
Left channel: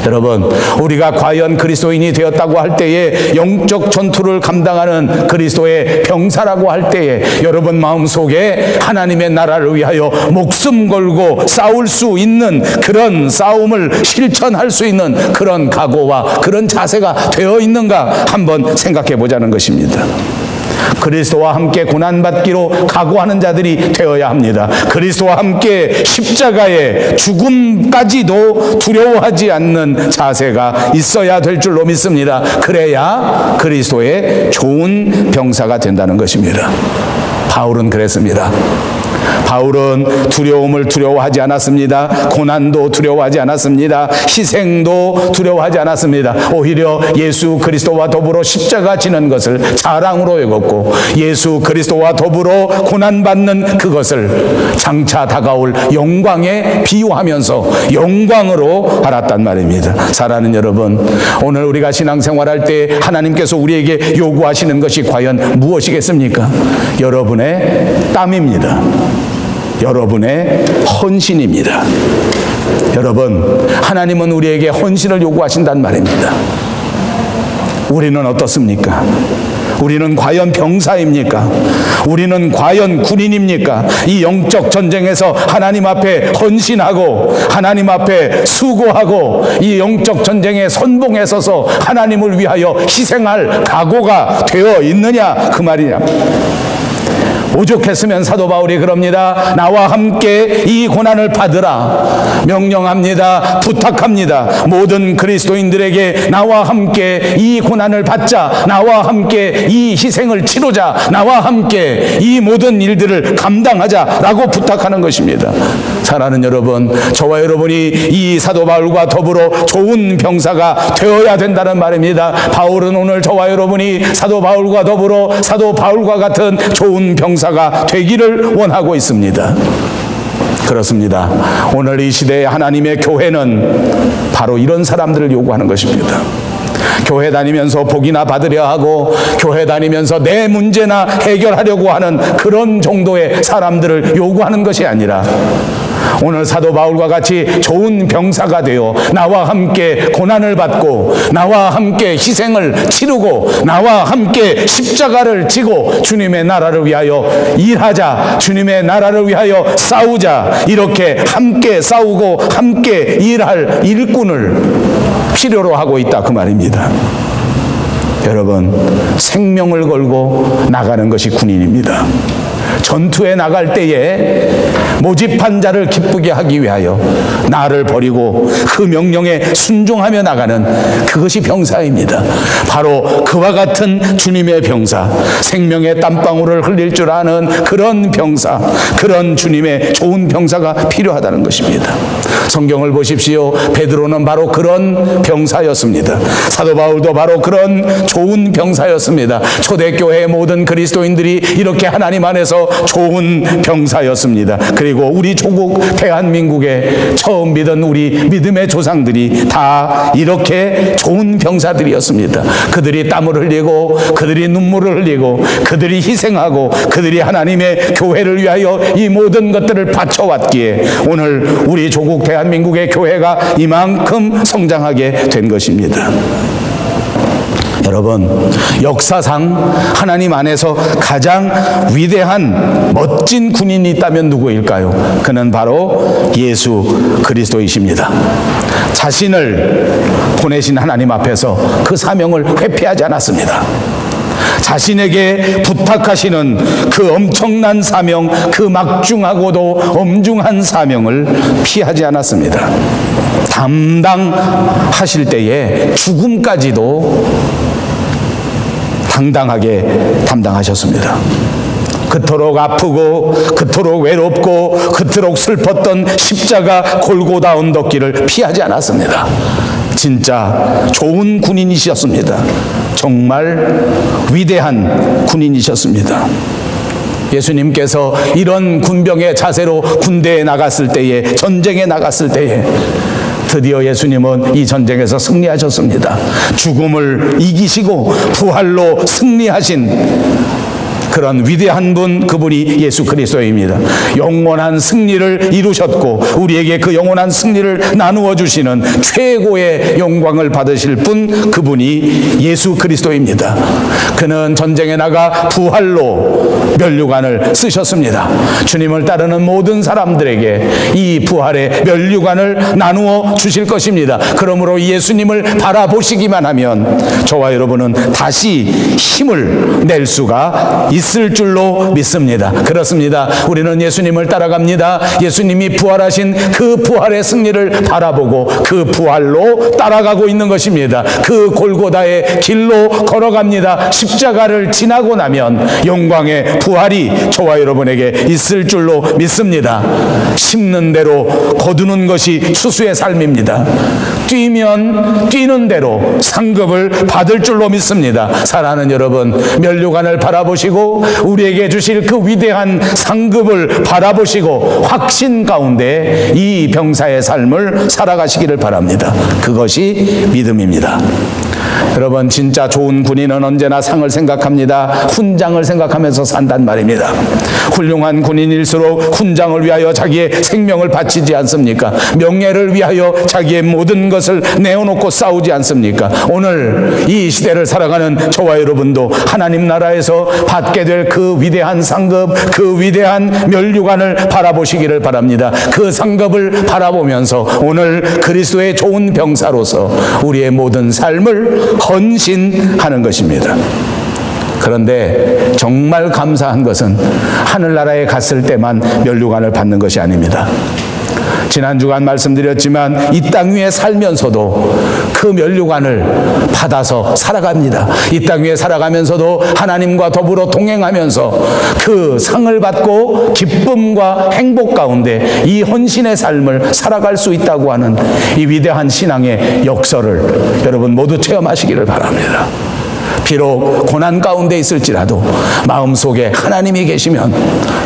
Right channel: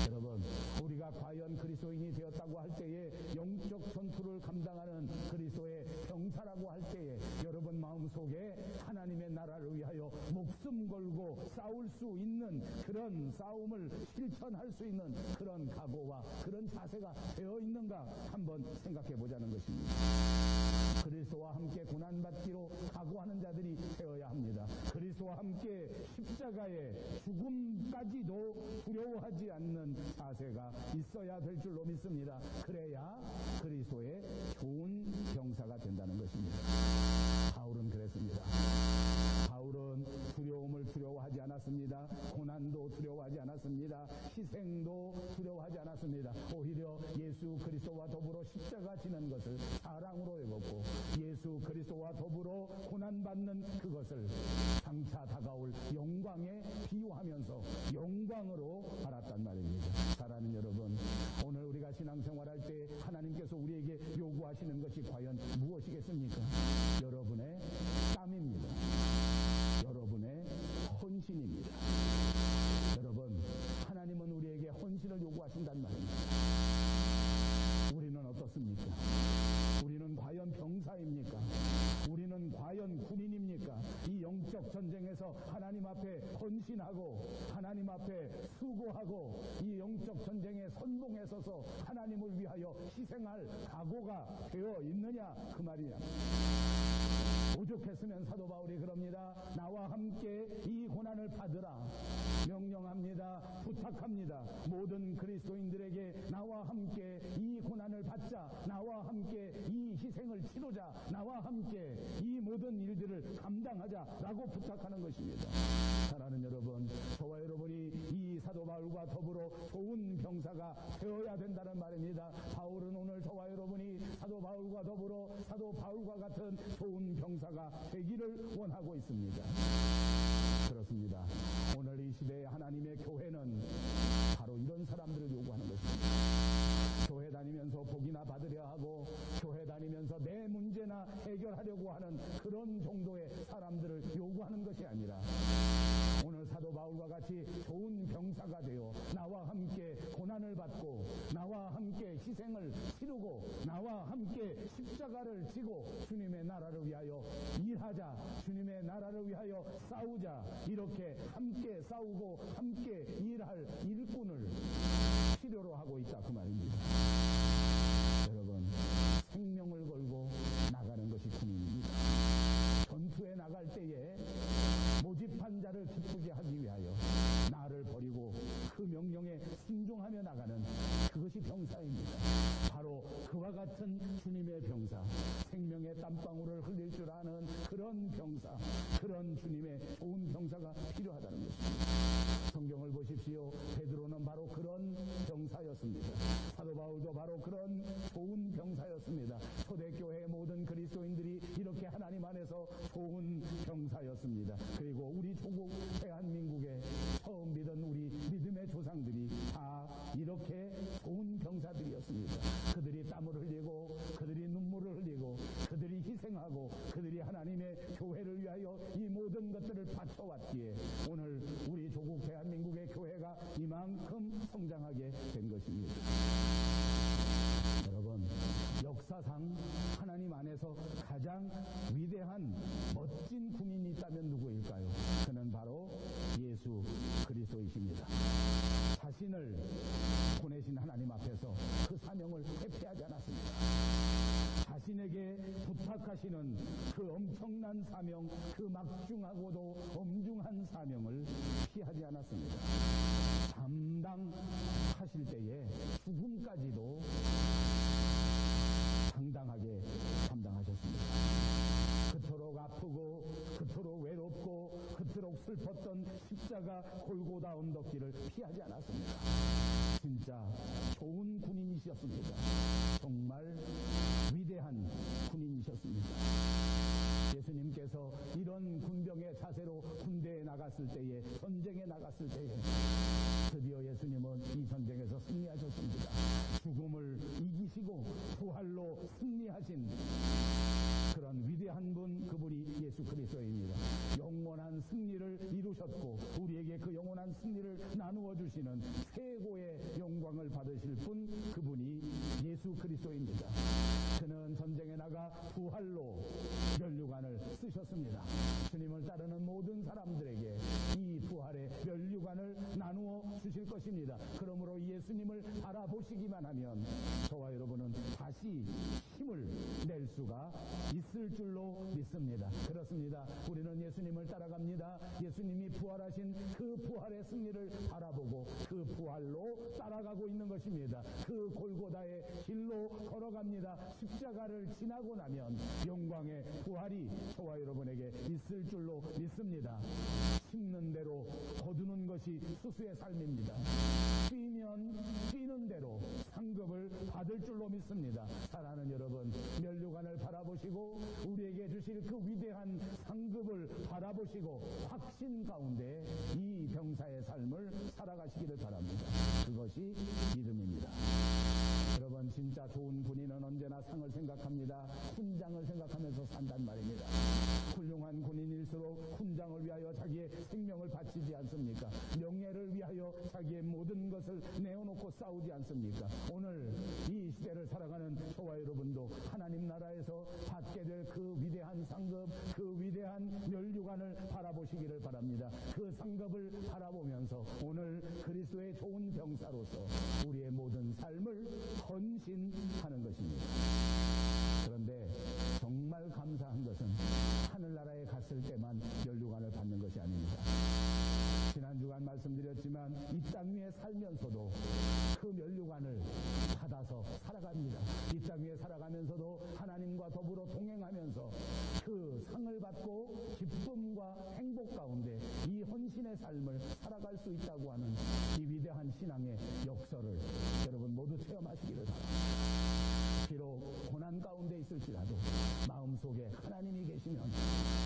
여러분, 우리가 과연 그리스도인이 되었다고 할 때에 영적 전투를 감당하는 그리스도의 병사라고 할 때에 여러분 마음속에 하나님의 나라를 위하여 목숨 걸고 싸울 수 있는 그런 싸움을 실천할 수 있는 그런 각오와 그런 자세가 되어 있는가 한번 생각해 보자는 것입니다. 그리스도와 함께 고난받기로 각오하는 자들이 되어야 합니다. 그리스도와 함께 십자가의 죽음까지도 두려워하지 않는 자세가 있어야 될 줄로 믿습니다. 그래야 그리스도의 좋은 병사가 된다는 것입니다. 바울은 그랬습니다. 바울은 두려움을 두려워하지 않았습니다. 고난도 두려워하지 않았습니다. 희생도 두려워하지 않았습니다. 오히려 예수 그리스도와 더불어 십자가 지는 것을 자랑으로 여겼고 예수 그리스도와 더불어 고난받는 그것을 장차 다가올 영광에 비유하면서 영광으로 알았단 말입니다. 사랑하는 여러분, 오늘 우리가 신앙생활할 때 하나님께서 우리에게 요구하시는 것이 과연 무엇이겠습니까? 여러분의 땀입니다. 여러분의 헌신입니다. 여러분, 하나님은 우리에게 헌신을 요구하신단 말입니다. 우리는 어떻습니까? 우리는 과연 병사입니까? 우리는 과연 군인입니까? 이 영적 전쟁에서 하나님 앞에 헌신하고 하나님 앞에 수고하고 이 영적 전쟁에 선봉에 서서 하나님을 위하여 희생할 각오가 되어 있느냐 그 말이냐. 오죽했으면 사도 바울이 그럽니다. 나와 함께 이 고난을 받으라 명령합니다. 부탁합니다. 모든 그리스도인들에게 나와 함께 이 고난을 받자, 나와 함께 이 희생을 치르자, 나와 함께 이 모든 일들을 감당하자라고 부탁하는 것입니다. 사랑하는 여러분, 저와 여러분이 이 사도 바울과 더불어 좋은 병사가 되어야 된다는 말입니다. 바울은 오늘 저와 여러분이 사도 바울과 더불어 사도 바울과 같은 좋은 병사가 되기를 원하고 있습니다. 그렇습니다. 오늘 이 시대의 하나님의 교회는 바로 이런 사람들을 요구하는 것입니다. 교회 다니면서 복이나 받으려 하고 교회 다니면서 내 문제나 해결하려고 하는 그런 정도의 사람들을 요구하는 것이 아니라 오늘 사도 바울과 같이 좋은 병사가 되어 나와 함께 고난을 받고 나와 함께 희생을 치르고 나와 함께 십자가를 지고 주님의 나라를 위하여 일하자, 주님의 나라를 위하여 싸우자, 이렇게 함께 싸우고 함께 일할 일꾼을 필요로 하고 있다 그 말입니다. 여러분, 생명을 걸고 나가는 것이 군인입니다. 전투에 나갈 때에 모집한 자를 기쁘게 하기 위하여 나를 버리고 그 명령에 순종하며 나가는 그것이 병사입니다. 바로 그와 같은 주님의 병사, 생명의 땀방울을 흘릴 줄 아는 그런 병사, 그런 주님의 좋은 병사가 필요하다는 것입니다. 성경을 보십시오. 베드로는 바로 그런 병사였습니다. 사도 바울도 바로 그런 좋은 병사였습니다. 초대교회의 모든 그리스도인들이 이렇게 하나님 안에서 안에서 좋은 병사였습니다. 그리고 우리 조국 대한민국에 처음 믿은 우리 믿음의 조상들이 다 이렇게 좋은 병사들이었습니다. 그들이 땀을 흘리고 그들이 눈물을 흘리고 그들이 희생하고 그들이 하나님의 교회를 위하여 이 모든 것들을 바쳐왔기에 오늘 우리 조국 대한민국의 교회가 이만큼 성장하게 된 것입니다. 여러분, 역사상 하나님 안에서 가장 위대한 멋진 군인이 있다면 누구일까요? 그는 바로 예수 그리스도이십니다. 자신을 보내신 하나님 앞에서 그 사명을 회피하지 않았습니다. 자신에게 부탁하시는 그 엄청난 사명, 그 막중하고도 엄중한 사명을 피하지 않았습니다. 담당하실 때에 죽음까지도 당당하게 담당하셨습니다. 그토록 아프고 그토록 외롭고 그토록 슬펐던 십자가 골고다 언덕길을 피하지 않았습니다. 진짜 좋은 군인이셨습니다. 정말 위대한 군인이셨습니다. 예수님께서 이런 군병의 자세로 군대에 나갔을 때에, 전쟁에 나갔을 때에 드디어 예수님은 이 전쟁에서 승리하셨습니다. 죽음을 이기시고 부활로 승리하신 그런 위대한 분, 그분이 예수 그리스도입니다. 영원한 승리를 이루셨고 우리에게 그 영원한 승리를 나누어 주시는 최고의 영광을 받으실 분, 그분이 예수 그리스도입니다. 그는 전쟁에 나가 부활로 면류관을 쓰셨습니다. 주님을 따르는 모든 사람들에게 이 부활의 면류관을 나누어 주실 것입니다. 그러므로 예수님을 바라보시기만 하면 저와 여러분은 다시 힘을 낼 수가 있을 줄로 믿습니다. 그렇습니다. 우리는 예수님을 따라갑니다. 예수님이 부활하신 그 부활의 승리를 바라보고 그 부활로 따라가고 있는 것입니다. 그 골고다의 길로 걸어갑니다. 십자가를 지나고 나면 영광의 부활이 저와 여러분에게 있을 줄로 믿습니다. 심는 대로 거두는 것이 추수의 삶입니다. 뛰면 뛰는 대로 상급을 받을 줄로 믿습니다. 사랑하는 여러분, 면류관을 바라보시고 우리에게 주실 그 위대한 상급을 바라보시고 확신 가운데 이 병사의 삶을 살아가시기를 바랍니다. 그것이 믿음입니다. 여러분, 진짜 좋은 군인은 언제나 상을 생각합니다. 훈장을 생각하면서 산단 말입니다. 훌륭한 군인일수록 훈장을 위하여 자기의 생명을 바치지 않습니까? 명예를 위하여 자기의 모든 것을 내어놓고 싸우지 않습니까? 오늘 이 시대를 살아가는 저와 여러분도 하나님 나라에서 받게 될 그 위대한 상급, 그 위대한 면류관을 바라보시기를 바랍니다. 그 상급을 바라보면서 오늘 그리스도의 좋은 병사로서 우리의 모든 삶을 헌신하는 것입니다. 그런데 정말 감사한 것은 하늘나라에 갔을 때만 면류관을 받는 것이 아닙니다. 지난 주간 말씀드렸지만 이 땅 위에 살면서도 그 면류관을 받아서 살아갑니다. 이 땅 위에 살아가면서도 하나님과 더불어 동행하면서 그 상을 받고 기쁨과 행복 가운데 이 헌신의 삶을 살아갈 수 있다고 하는 이 위대한 신앙의 역설을 여러분 모두 체험하시기를 바랍니다. 비록 고난 가운데 있을지라도 마음속에 하나님이 계시면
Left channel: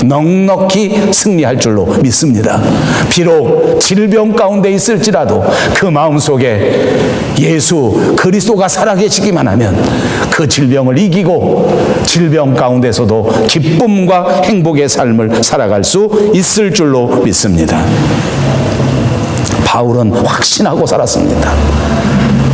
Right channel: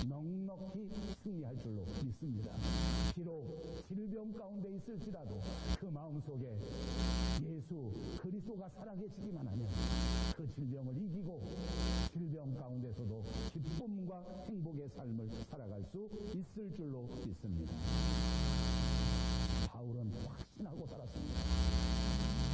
넉넉히 승리할 줄로 믿습니다. 비록 질병 가운데 있을지라도 그 마음속에 예수 그리스도가 살아계시기만 하면 그 질병을 이기고 질병 가운데서도 기쁨과 행복의 삶을 살아갈 수 있을 줄로 믿습니다. 바울은 확신하고 살았습니다.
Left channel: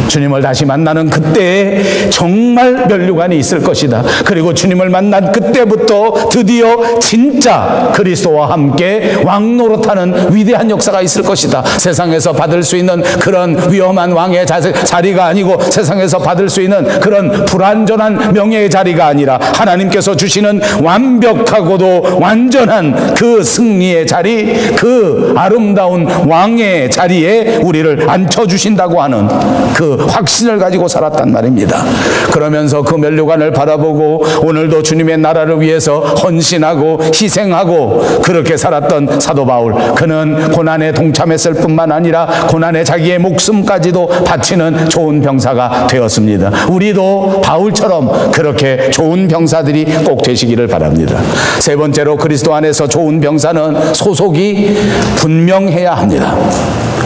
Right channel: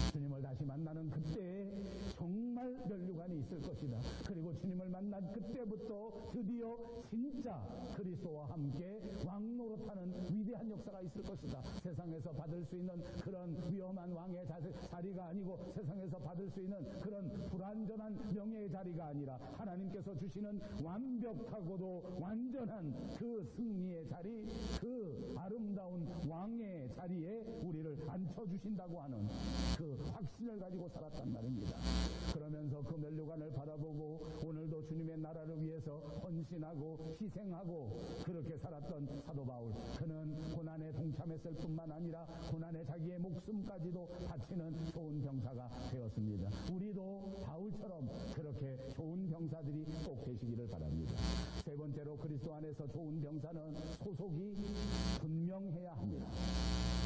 주님을 다시 만나는 그때에 정말 면류관이 있을 것이다. 그리고 주님을 만난 그때부터 드디어 진짜 그리스도와 함께 왕노릇하는 위대한 역사가 있을 것이다. 세상에서 받을 수 있는 그런 위험한 왕의 자리가 아니고 세상에서 받을 수 있는 그런 불완전한 명예의 자리가 아니라 하나님께서 주시는 완벽하고도 완전한 그 승리의 자리, 그 아름다운 왕의 자리에 우리를 앉혀주신다고 하는 그 그 확신을 가지고 살았단 말입니다. 그러면서 그 면류관을 바라보고 오늘도 주님의 나라를 위해서 헌신하고 희생하고 그렇게 살았던 사도 바울, 그는 고난에 동참했을 뿐만 아니라 고난에 자기의 목숨까지도 바치는 좋은 병사가 되었습니다. 우리도 바울처럼 그렇게 좋은 병사들이 꼭 되시기를 바랍니다. 세 번째로, 그리스도 안에서 좋은 병사는 소속이 분명해야 합니다.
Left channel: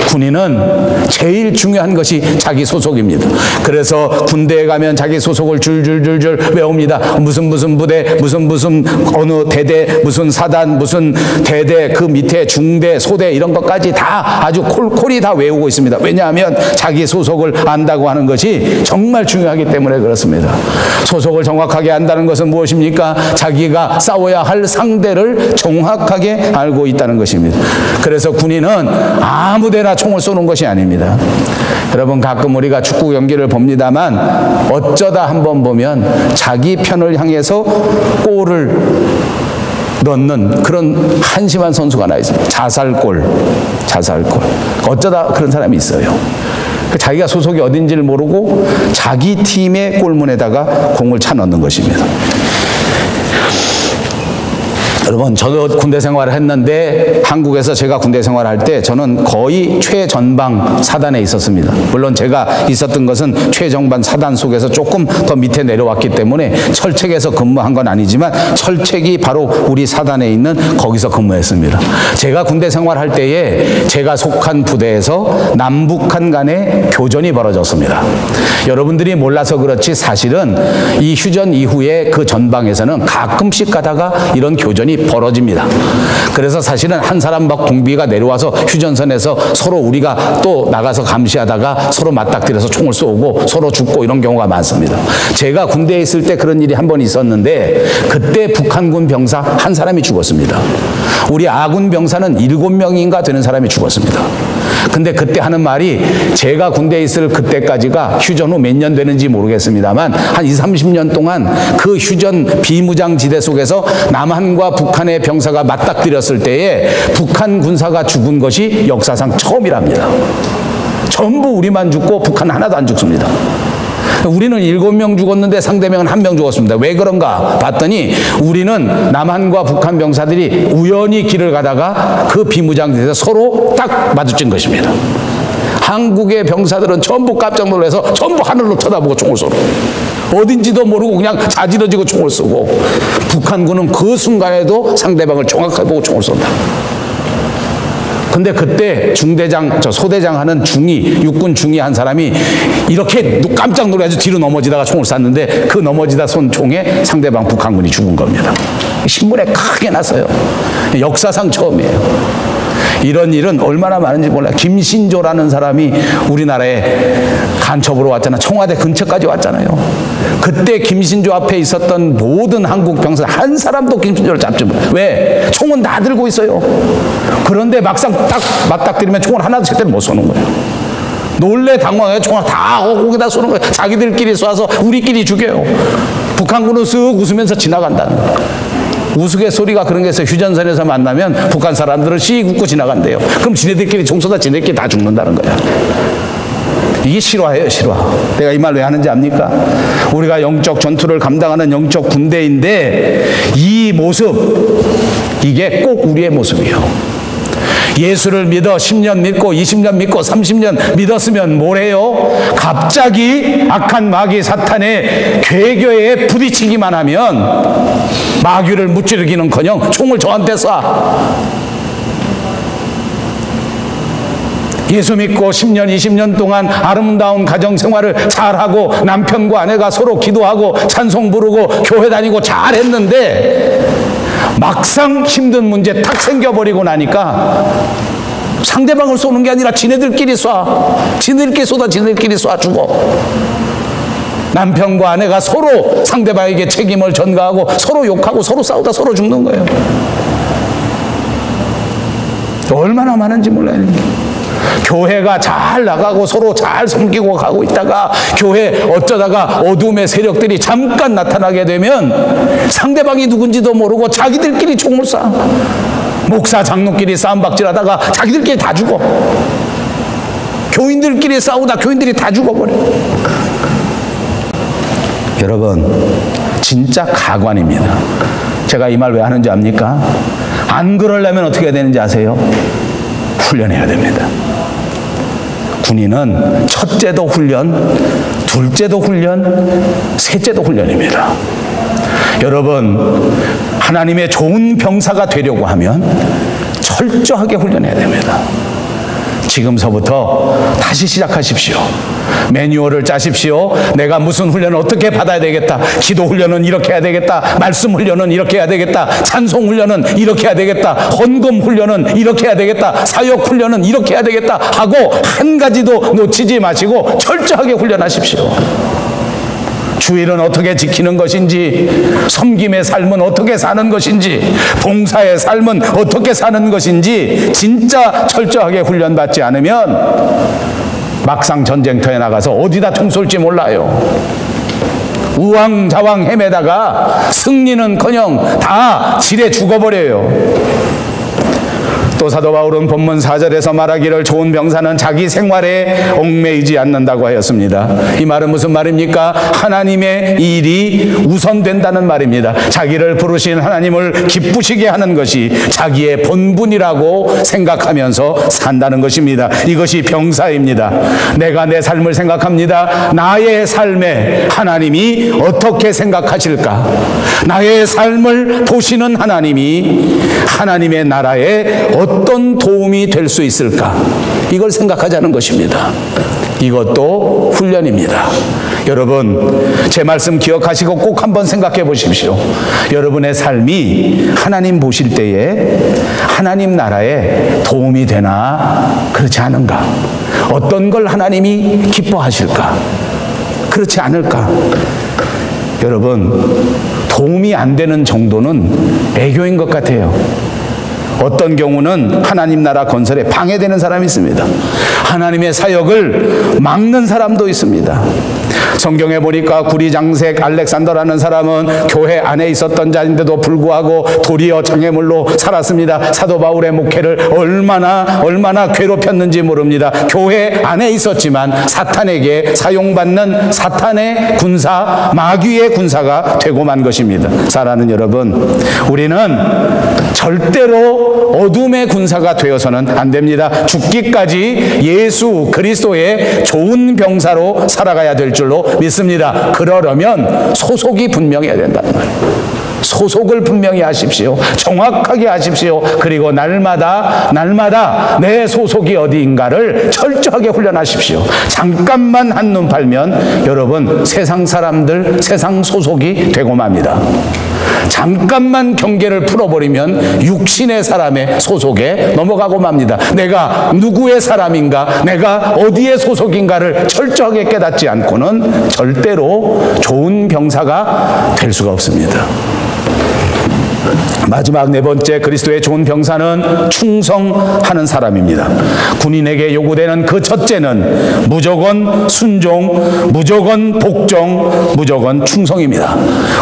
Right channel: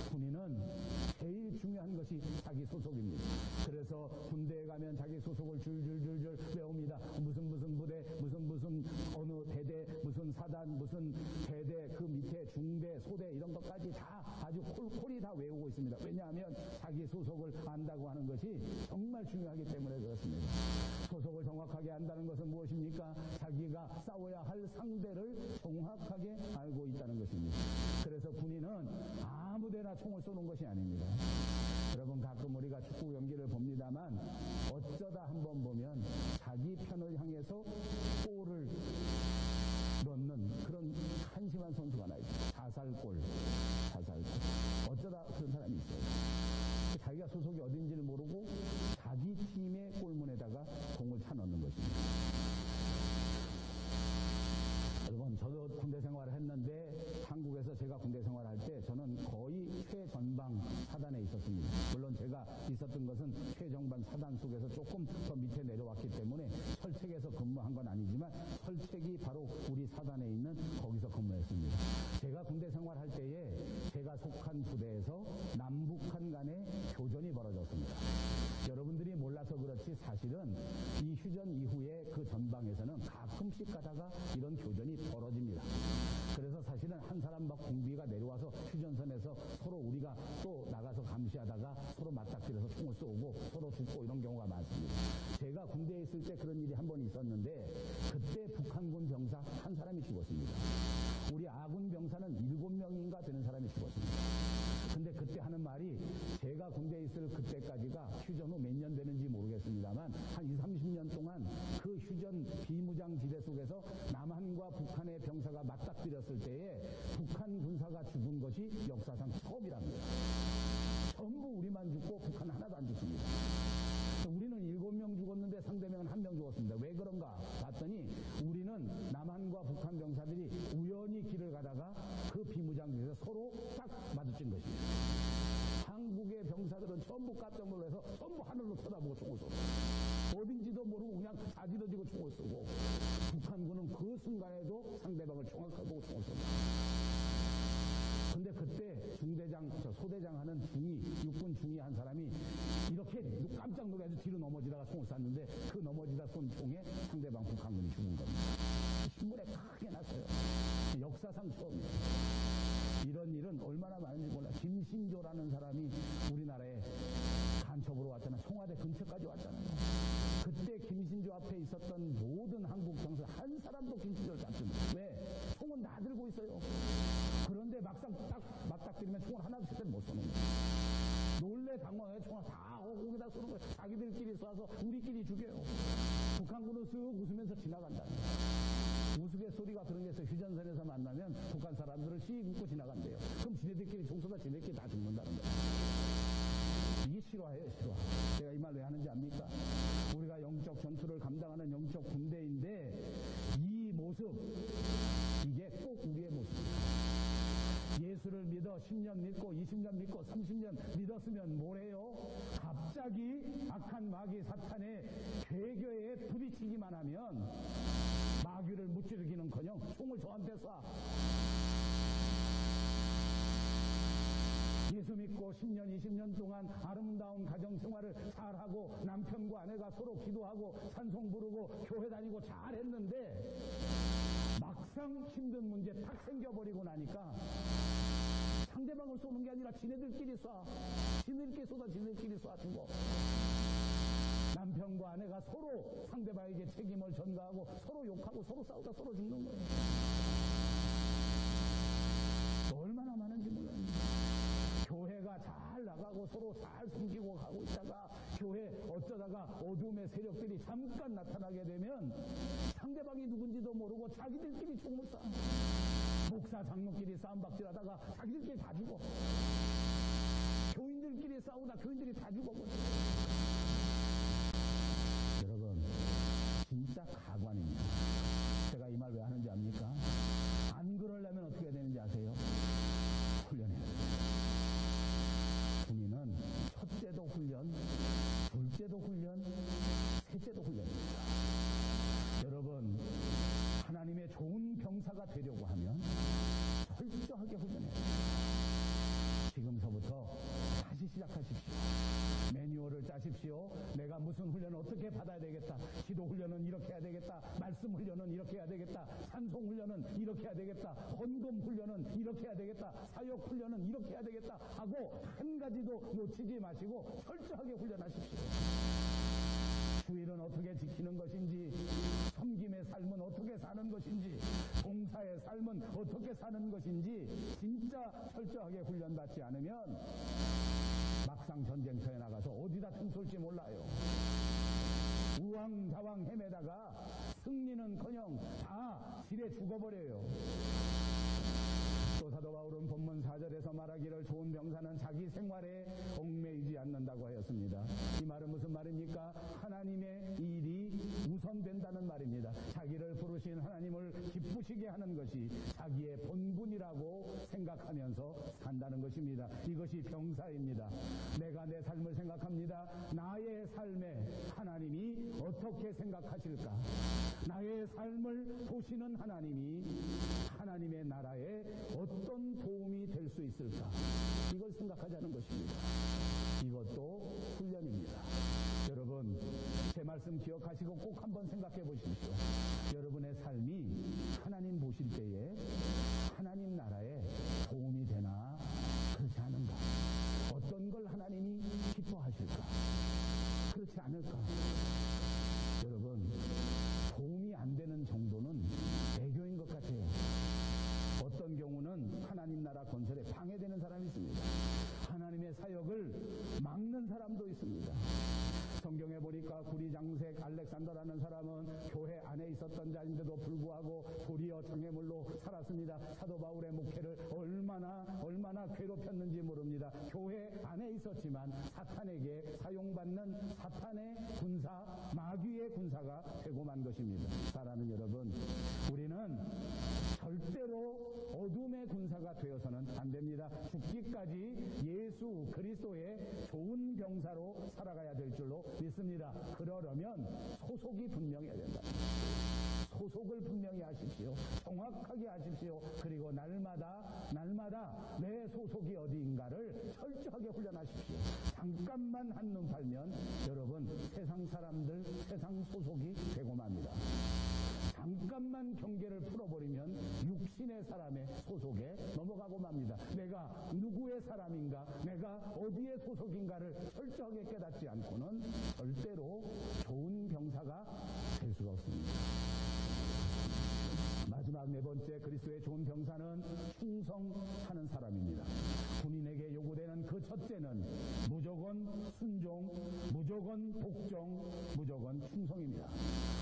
군인은 제일 중요한 것이 자기 소속입니다. 그래서 군대에 가면 자기 소속을 줄줄줄줄 외웁니다. 무슨 부대, 무슨 어느 대대, 무슨 사단, 무슨 대대, 그 밑에 중대, 소대 이런 것까지 다 아주 콜콜이 다 외우고 있습니다. 왜냐하면 자기 소속을 안다고 하는 것이 정말 중요하기 때문에 그렇습니다. 소속을 정확하게 안다는 것은 무엇입니까? 자기가 싸워야 할 상대를 정확하게 알고 있다는 것입니다. 그래서 군인은 아무데나 총을 쏘는 것이 아닙니다. 여러분, 가끔 우리가 축구 경기를 봅니다만 어쩌다 한번 보면 자기 편을 향해서 골을 넣는 그런 한심한 선수가 하나 있습니다. 자살골. 어쩌다 그런 사람이 있어요. 자기가 소속이 어딘지를 모르고 자기 팀의 골문에다가 공을 차 넣는 것입니다. 여러분, 저도 군대 생활을 했는데 한국에서 제가 군대 생활을 할 때 저는 거의 최전방 사단에 있었습니다. 물론 제가 있었던 것은 최전방 사단 속에서 조금 더 밑에 내려왔기 때문에 철책에서 근무한 건 아니지만 철책이 바로 우리 사단에 있는 거기서 근무했습니다. 제가 군대 생활할 때에 제가 속한 부대에서 남북한 간의 교전이 벌어졌습니다. 여러분들이 몰라서 그렇지 사실은 이 휴전 이후에 그 전방에서는 가끔씩 가다가 이런 교전이 벌어집니다. 그래서 사실은 한 사람 막 공비가 내려와서 휴전선에서 서로 우리가 또 나가서 감시하다가 서로 맞닥뜨려서 총을 쏘고 서로 죽고 이런 경우가 많습니다. 제가 군대에 있을 때 그런 일이 한 번 있었는데 그때 북한군 병사 한 사람이 죽었습니다. 우리 아군 병사는 7명인가 되는 사람이 죽었습니다. 근데 그때 하는 말이, 제가 군대에 있을 그때까지가 휴전 후 몇 년 되는지 모르겠습니다만 한 20, 30년 동안 그 휴전 비무장지대 속에서 남한과 북한의 병사가 맞닥뜨렸을 때에 북한 군사가 죽은 것이 역사상 처음이랍니다. 전부 우리만 죽고 북한 하나도 안 죽습니다. 우리는 7명 죽었는데 상대방은 1명 죽었습니다. 왜 그런가 봤더니 우리는 남한과 북한 병사들이 우연히 길을 가다가 그 비무장지대에서 서로 딱 마주친 것입니다. 한국의 병사들은 전부 깜짝 놀라서 전부 하늘로 쳐다보고 총을 쏘고 어딘지도 모르고 그냥 자지러지고 총을 쏘고, 북한군은 그 순간에도 상대방을 정확하게 보고 총을 쏜다. 근데 그때 소대장 하는 육군 중위 한 사람이 이렇게 깜짝 놀라서 뒤로 넘어지다가 총을 쐈는데 그 넘어지다 쏜 총에 상대방 북한군이 죽은 겁니다. 신문에 크게 났어요. 역사상 처음이에요. 이런 일은 얼마나 많은지 몰라요. 김신조라는 사람이 우리나라에 간첩으로 왔잖아요. 청와대 근처까지 왔잖아요. 그때 김신조 앞에 있었던 모든 한국 병사 한 사람도 김신조를 잡지 못해요. 왜? 총은 다 들고 있어요. 그런데 막상 딱 맞닥뜨리면 총을 하나도 제대로 못 쏘는 거예요. 놀래 당황해요. 총을 다 거기다 쏘는 거예요. 자기들끼리 쏴서 우리끼리 죽여요. 북한군은 쓱 웃으면서 지나간다는 거예요. 우스갯소리가 그런 게 있어요. 휴전선에서 만나면 북한 사람들은 씩 웃고 지나간대요. 그럼 지네들끼리 총 쏘다 지네들끼리 다 죽는다는 거야. 이게 실화예요, 실화. 내가 이 말 왜 하는지 압니까? 우리가 영적 전투를 감당하는 영적 군대인데 이 모습, 이게 꼭 우리의 모습이에요. 예수를 믿어 10년 믿고 20년 믿고 30년 믿었으면 뭐래요? 갑자기 악한 마귀 사탄의 괴교에 부딪히기만 하면 마귀를 무찌르기는커녕 총을 저한테 쏴. 예수 믿고 10년, 20년 동안 아름다운 가정생활을 잘하고 남편과 아내가 서로 기도하고 찬송 부르고 교회 다니고 잘했는데 막상 힘든 문제 탁 생겨버리고 나니까 상대방을 쏘는 게 아니라 지네들끼리 쏴. 지네들끼리 쏘다 지네들끼리 쏴 죽어. 남편과 아내가 서로 상대방에게 책임을 전가하고 서로 욕하고 서로 싸우다 서로 죽는 거예요. 얼마나 많은지 몰라요. 교회가 잘 나가고 서로 잘 섬기고 가고 있다가 교회 어쩌다가 어둠의 세력들이 잠깐 나타나게 되면 상대방이 누군지도 모르고 자기들끼리 총을 쏴. 목사 장로끼리 싸움박질하다가 자기들끼리 다 죽어. 교인들끼리 싸우다 교인들이 다 죽어버려요. 여러분, 진짜 가관입니다. 제가 이 말 왜 하는지 압니까? 안 그러려면 어떻게 해야 되는지 아세요? 훈련해야 됩니다. 군인은 첫째도 훈련, 둘째도 훈련, 셋째도 훈련입니다. 여러분, 하나님의 좋은 병사가 되려고 하면 철저하게 훈련해야 됩니다. 지금서부터 다시 시작하십시오. 매뉴얼을 짜십시오. 내가 무슨 훈련을 어떻게 받아야 되겠다. 기도 훈련은 이렇게 해야 되겠다. 말씀 훈련은 이렇게 해야 되겠다. 찬송 훈련은 이렇게 해야 되겠다. 헌금 훈련은 이렇게 해야 되겠다. 사역 훈련은 이렇게 해야 되겠다 하고 한 가지도 놓치지 마시고 철저하게 훈련하십시오. 주일은 어떻게 지키는 것인지, 섬김의 삶은 어떻게 사는 것인지, 봉사의 삶은 어떻게 사는 것인지 진짜 철저하게 훈련받지 않으면 막상 전쟁터에 나가서 어디다 총 쏠지 몰라요. 우왕좌왕 헤매다가 승리는커녕 다 지레 죽어버려요. 또 사도 바울은 본문 4절에서 말하기를 좋은 병사는 자기 생활에 얽매이지 않는다고 하였습니다. 이 말은 무슨 말입니까? 하나님의 일이 우선된다는 말입니다. 자기를 부르신 하나님을 기쁘시게 하는 것이 자기의 본분이라고 생각하면서 산다는 것입니다. 이것이 병사입니다. 내가 내 삶을 생각합니다. 나의 삶에 하나님이 어떻게 생각하실까? 나의 삶을 보시는 하나님이 하나님의 나라에 어떤 도움이 될 수 있을까? 이걸 생각하자는 것입니다. 이것도 훈련입니다. 여러분, 제 말씀 기억하시고 꼭 한번 생각해 보십시오. 여러분의 삶이 하나님 보실 때에 하나님 나라에 도움이 되나 그렇지 않은가? 어떤 걸 하나님이 기뻐하실까? 그렇지 않을까? 여러분, 도움이 안 되는 정도는 애교인 것 같아요. 어떤 경우는 하나님 나라 건설에 방해되는 사람이 있습니다. 하나님의 사역을 막는 사람도 있습니다. 성경에 보니까 구리장색 알렉산더라는 사람은 교회 안에 있었던 자인데도 불구하고 도리어 장애물로 살았습니다. 사도 바울의 목회를 얼마나 괴롭혔는지 모릅니다. 교회 안에 있었지만 사탄에게 사용받는 사탄의 군사, 마귀의 군사가 되고 만 것입니다. 사랑하는 여러분, 우리는 절대로 어둠의 군사가 되어서는 안 됩니다. 죽기까지 예수 그리스도의 좋은 병사로 살아가야 될 줄로 믿습니다. 그러려면 소속이 분명해야 된다는 말이에요. 소속을 분명히 하십시오. 정확하게 하십시오. 그리고 날마다 내 소속이 어디인가를 철저하게 훈련하십시오. 잠깐만 한눈 팔면 여러분 세상 사람들, 세상 소속이 되고 맙니다. 잠깐만 경계를 풀어버리면 육신의 사람의 소속에 넘어가고 맙니다. 내가 누구의 사람인가, 내가 어디의 소속인가를 철저하게 깨닫지 않고는 절대로 좋은 병사가 될 수가 없습니다. 마지막 네 번째 그리스도의 좋은 병사는 충성하는 사람입니다. 군인에게 요구되는 그 첫째는 무조건 순종, 무조건 복종, 무조건 충성입니다.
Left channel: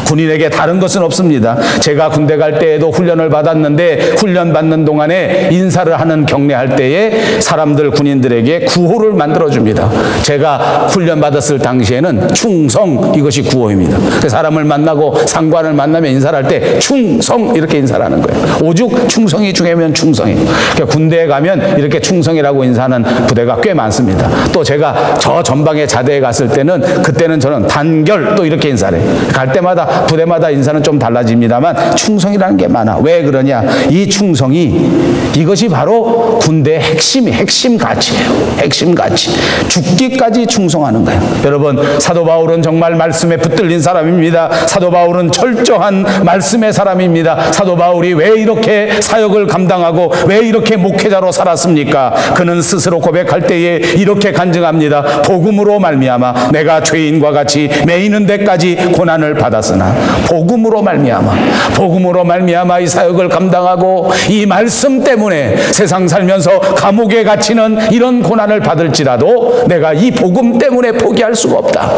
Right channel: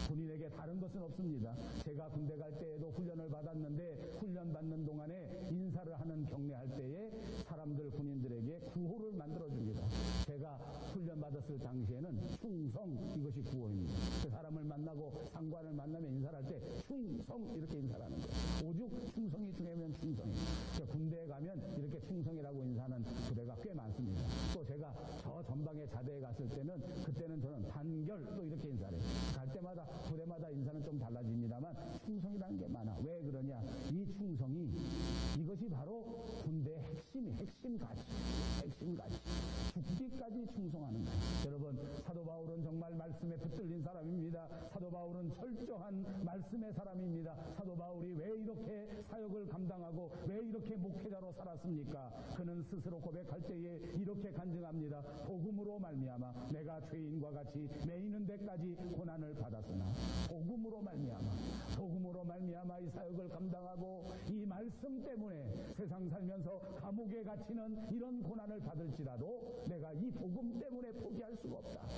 군인에게 다른 것은 없습니다. 제가 군대 갈 때에도 훈련을 받았는데 훈련 받는 동안에 인사를 하는 경례할 때에 사람들 군인들에게 구호를 만들어줍니다. 제가 훈련 받았을 당시에는 충성, 이것이 구호입니다. 사람을 만나고 상관을 만나면 인사를 할 때 충성 이렇게 인사를 하는 거예요. 오죽 충성이 중요하면 충성이. 그러니까 군대에 가면 이렇게 충성이라고 인사하는 부대가 꽤 많습니다. 또 제가 저 전방에 자대에 갔을 때는 그때는 저는 단결 또 이렇게 인사를 해요. 갈 때마다 부대마다 인사는 좀 달라집니다만 충성이라는 게 많아. 왜 그러냐? 이 충성이 이것이 바로 군대의 핵심 가치예요. 핵심 가치. 죽기까지 충성하는 거예요. 여러분, 사도 바울은 정말 말씀에 붙들린 사람입니다. 사도 바울은 철저한 말씀의 사람입니다. 사도 바울이 왜 이렇게 사역을 감당하고 왜 이렇게 목회자로 살았습니까? 그는 스스로 고백할 때에 이렇게 간증합니다. 복음으로 말미암아 내가 죄인과 같이 매이는 데까지 고난을 받았으나 복음으로 말미암아 이 사역을 감당하고 이 말씀 때문에 세상 살면서 감옥에 갇히는 이런 고난을 받을지라도 내가 이 복음 때문에 포기할 수가 없다.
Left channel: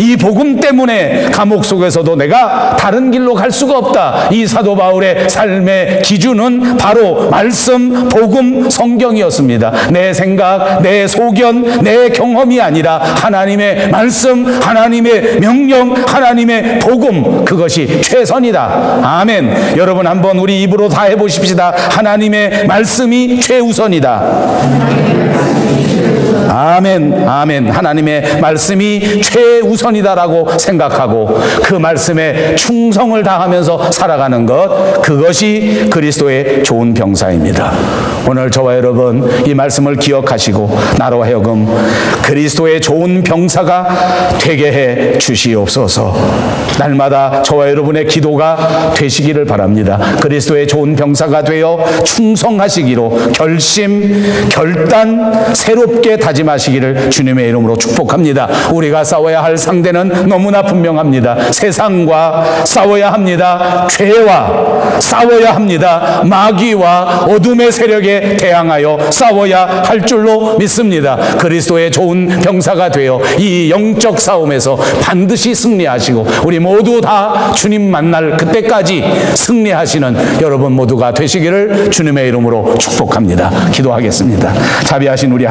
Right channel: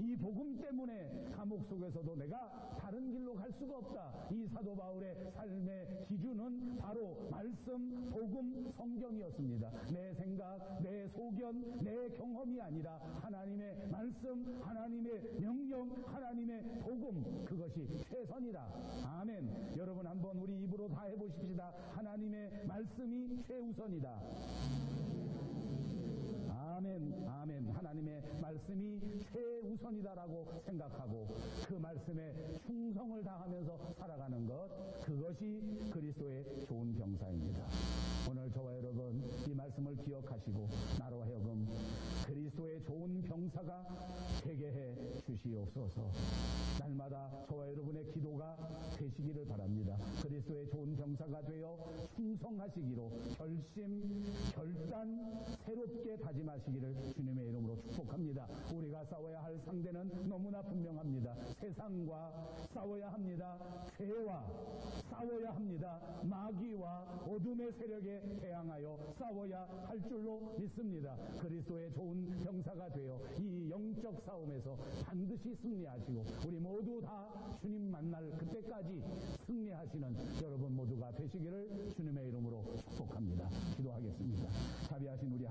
이 복음 때문에 감옥 속에서도 내가 다른 길로 갈 수가 없다. 이 사도 바울 바울의 삶의 기준은 바로 말씀, 복음, 성경이었습니다. 내 생각, 내 소견, 내 경험이 아니라 하나님의 말씀, 하나님의 명령, 하나님의 복음, 그것이 최선이다. 아멘. 여러분 한번 우리 입으로 다 해보십시다. 하나님의 말씀이 최우선이다. 아멘, 아멘. 하나님의 말씀이 최우선이다라고 생각하고 그 말씀에 충성을 다하면서 살아가는 것, 그것이 그리스도의 좋은 병사입니다. 오늘 저와 여러분 이 말씀을 기억하시고 나로 하여금 그리스도의 좋은 병사가 되게 해 주시옵소서. 날마다 저와 여러분의 기도가 되시기를 바랍니다. 그리스도의 좋은 병사가 되어 충성하시기로 결단 새롭게 다짐하시기를 주님의 이름으로 축복합니다. 우리가 싸워야 할 상대는 너무나 분명합니다. 세상과 싸워야 합니다. 죄와 싸워야 합니다. 마귀와 어둠의 세력에 대항하여 싸워야 할 줄로 믿습니다. 그리스도의 좋은 병사가 되어 이 영적 싸움에서 반드시 승리하시고 우리 모두 다 주님 만날 그때까지 승리하시는 여러분 모두가 되시기를 주님의 이름으로 축복합니다. 기도하겠습니다. 자비하신 우리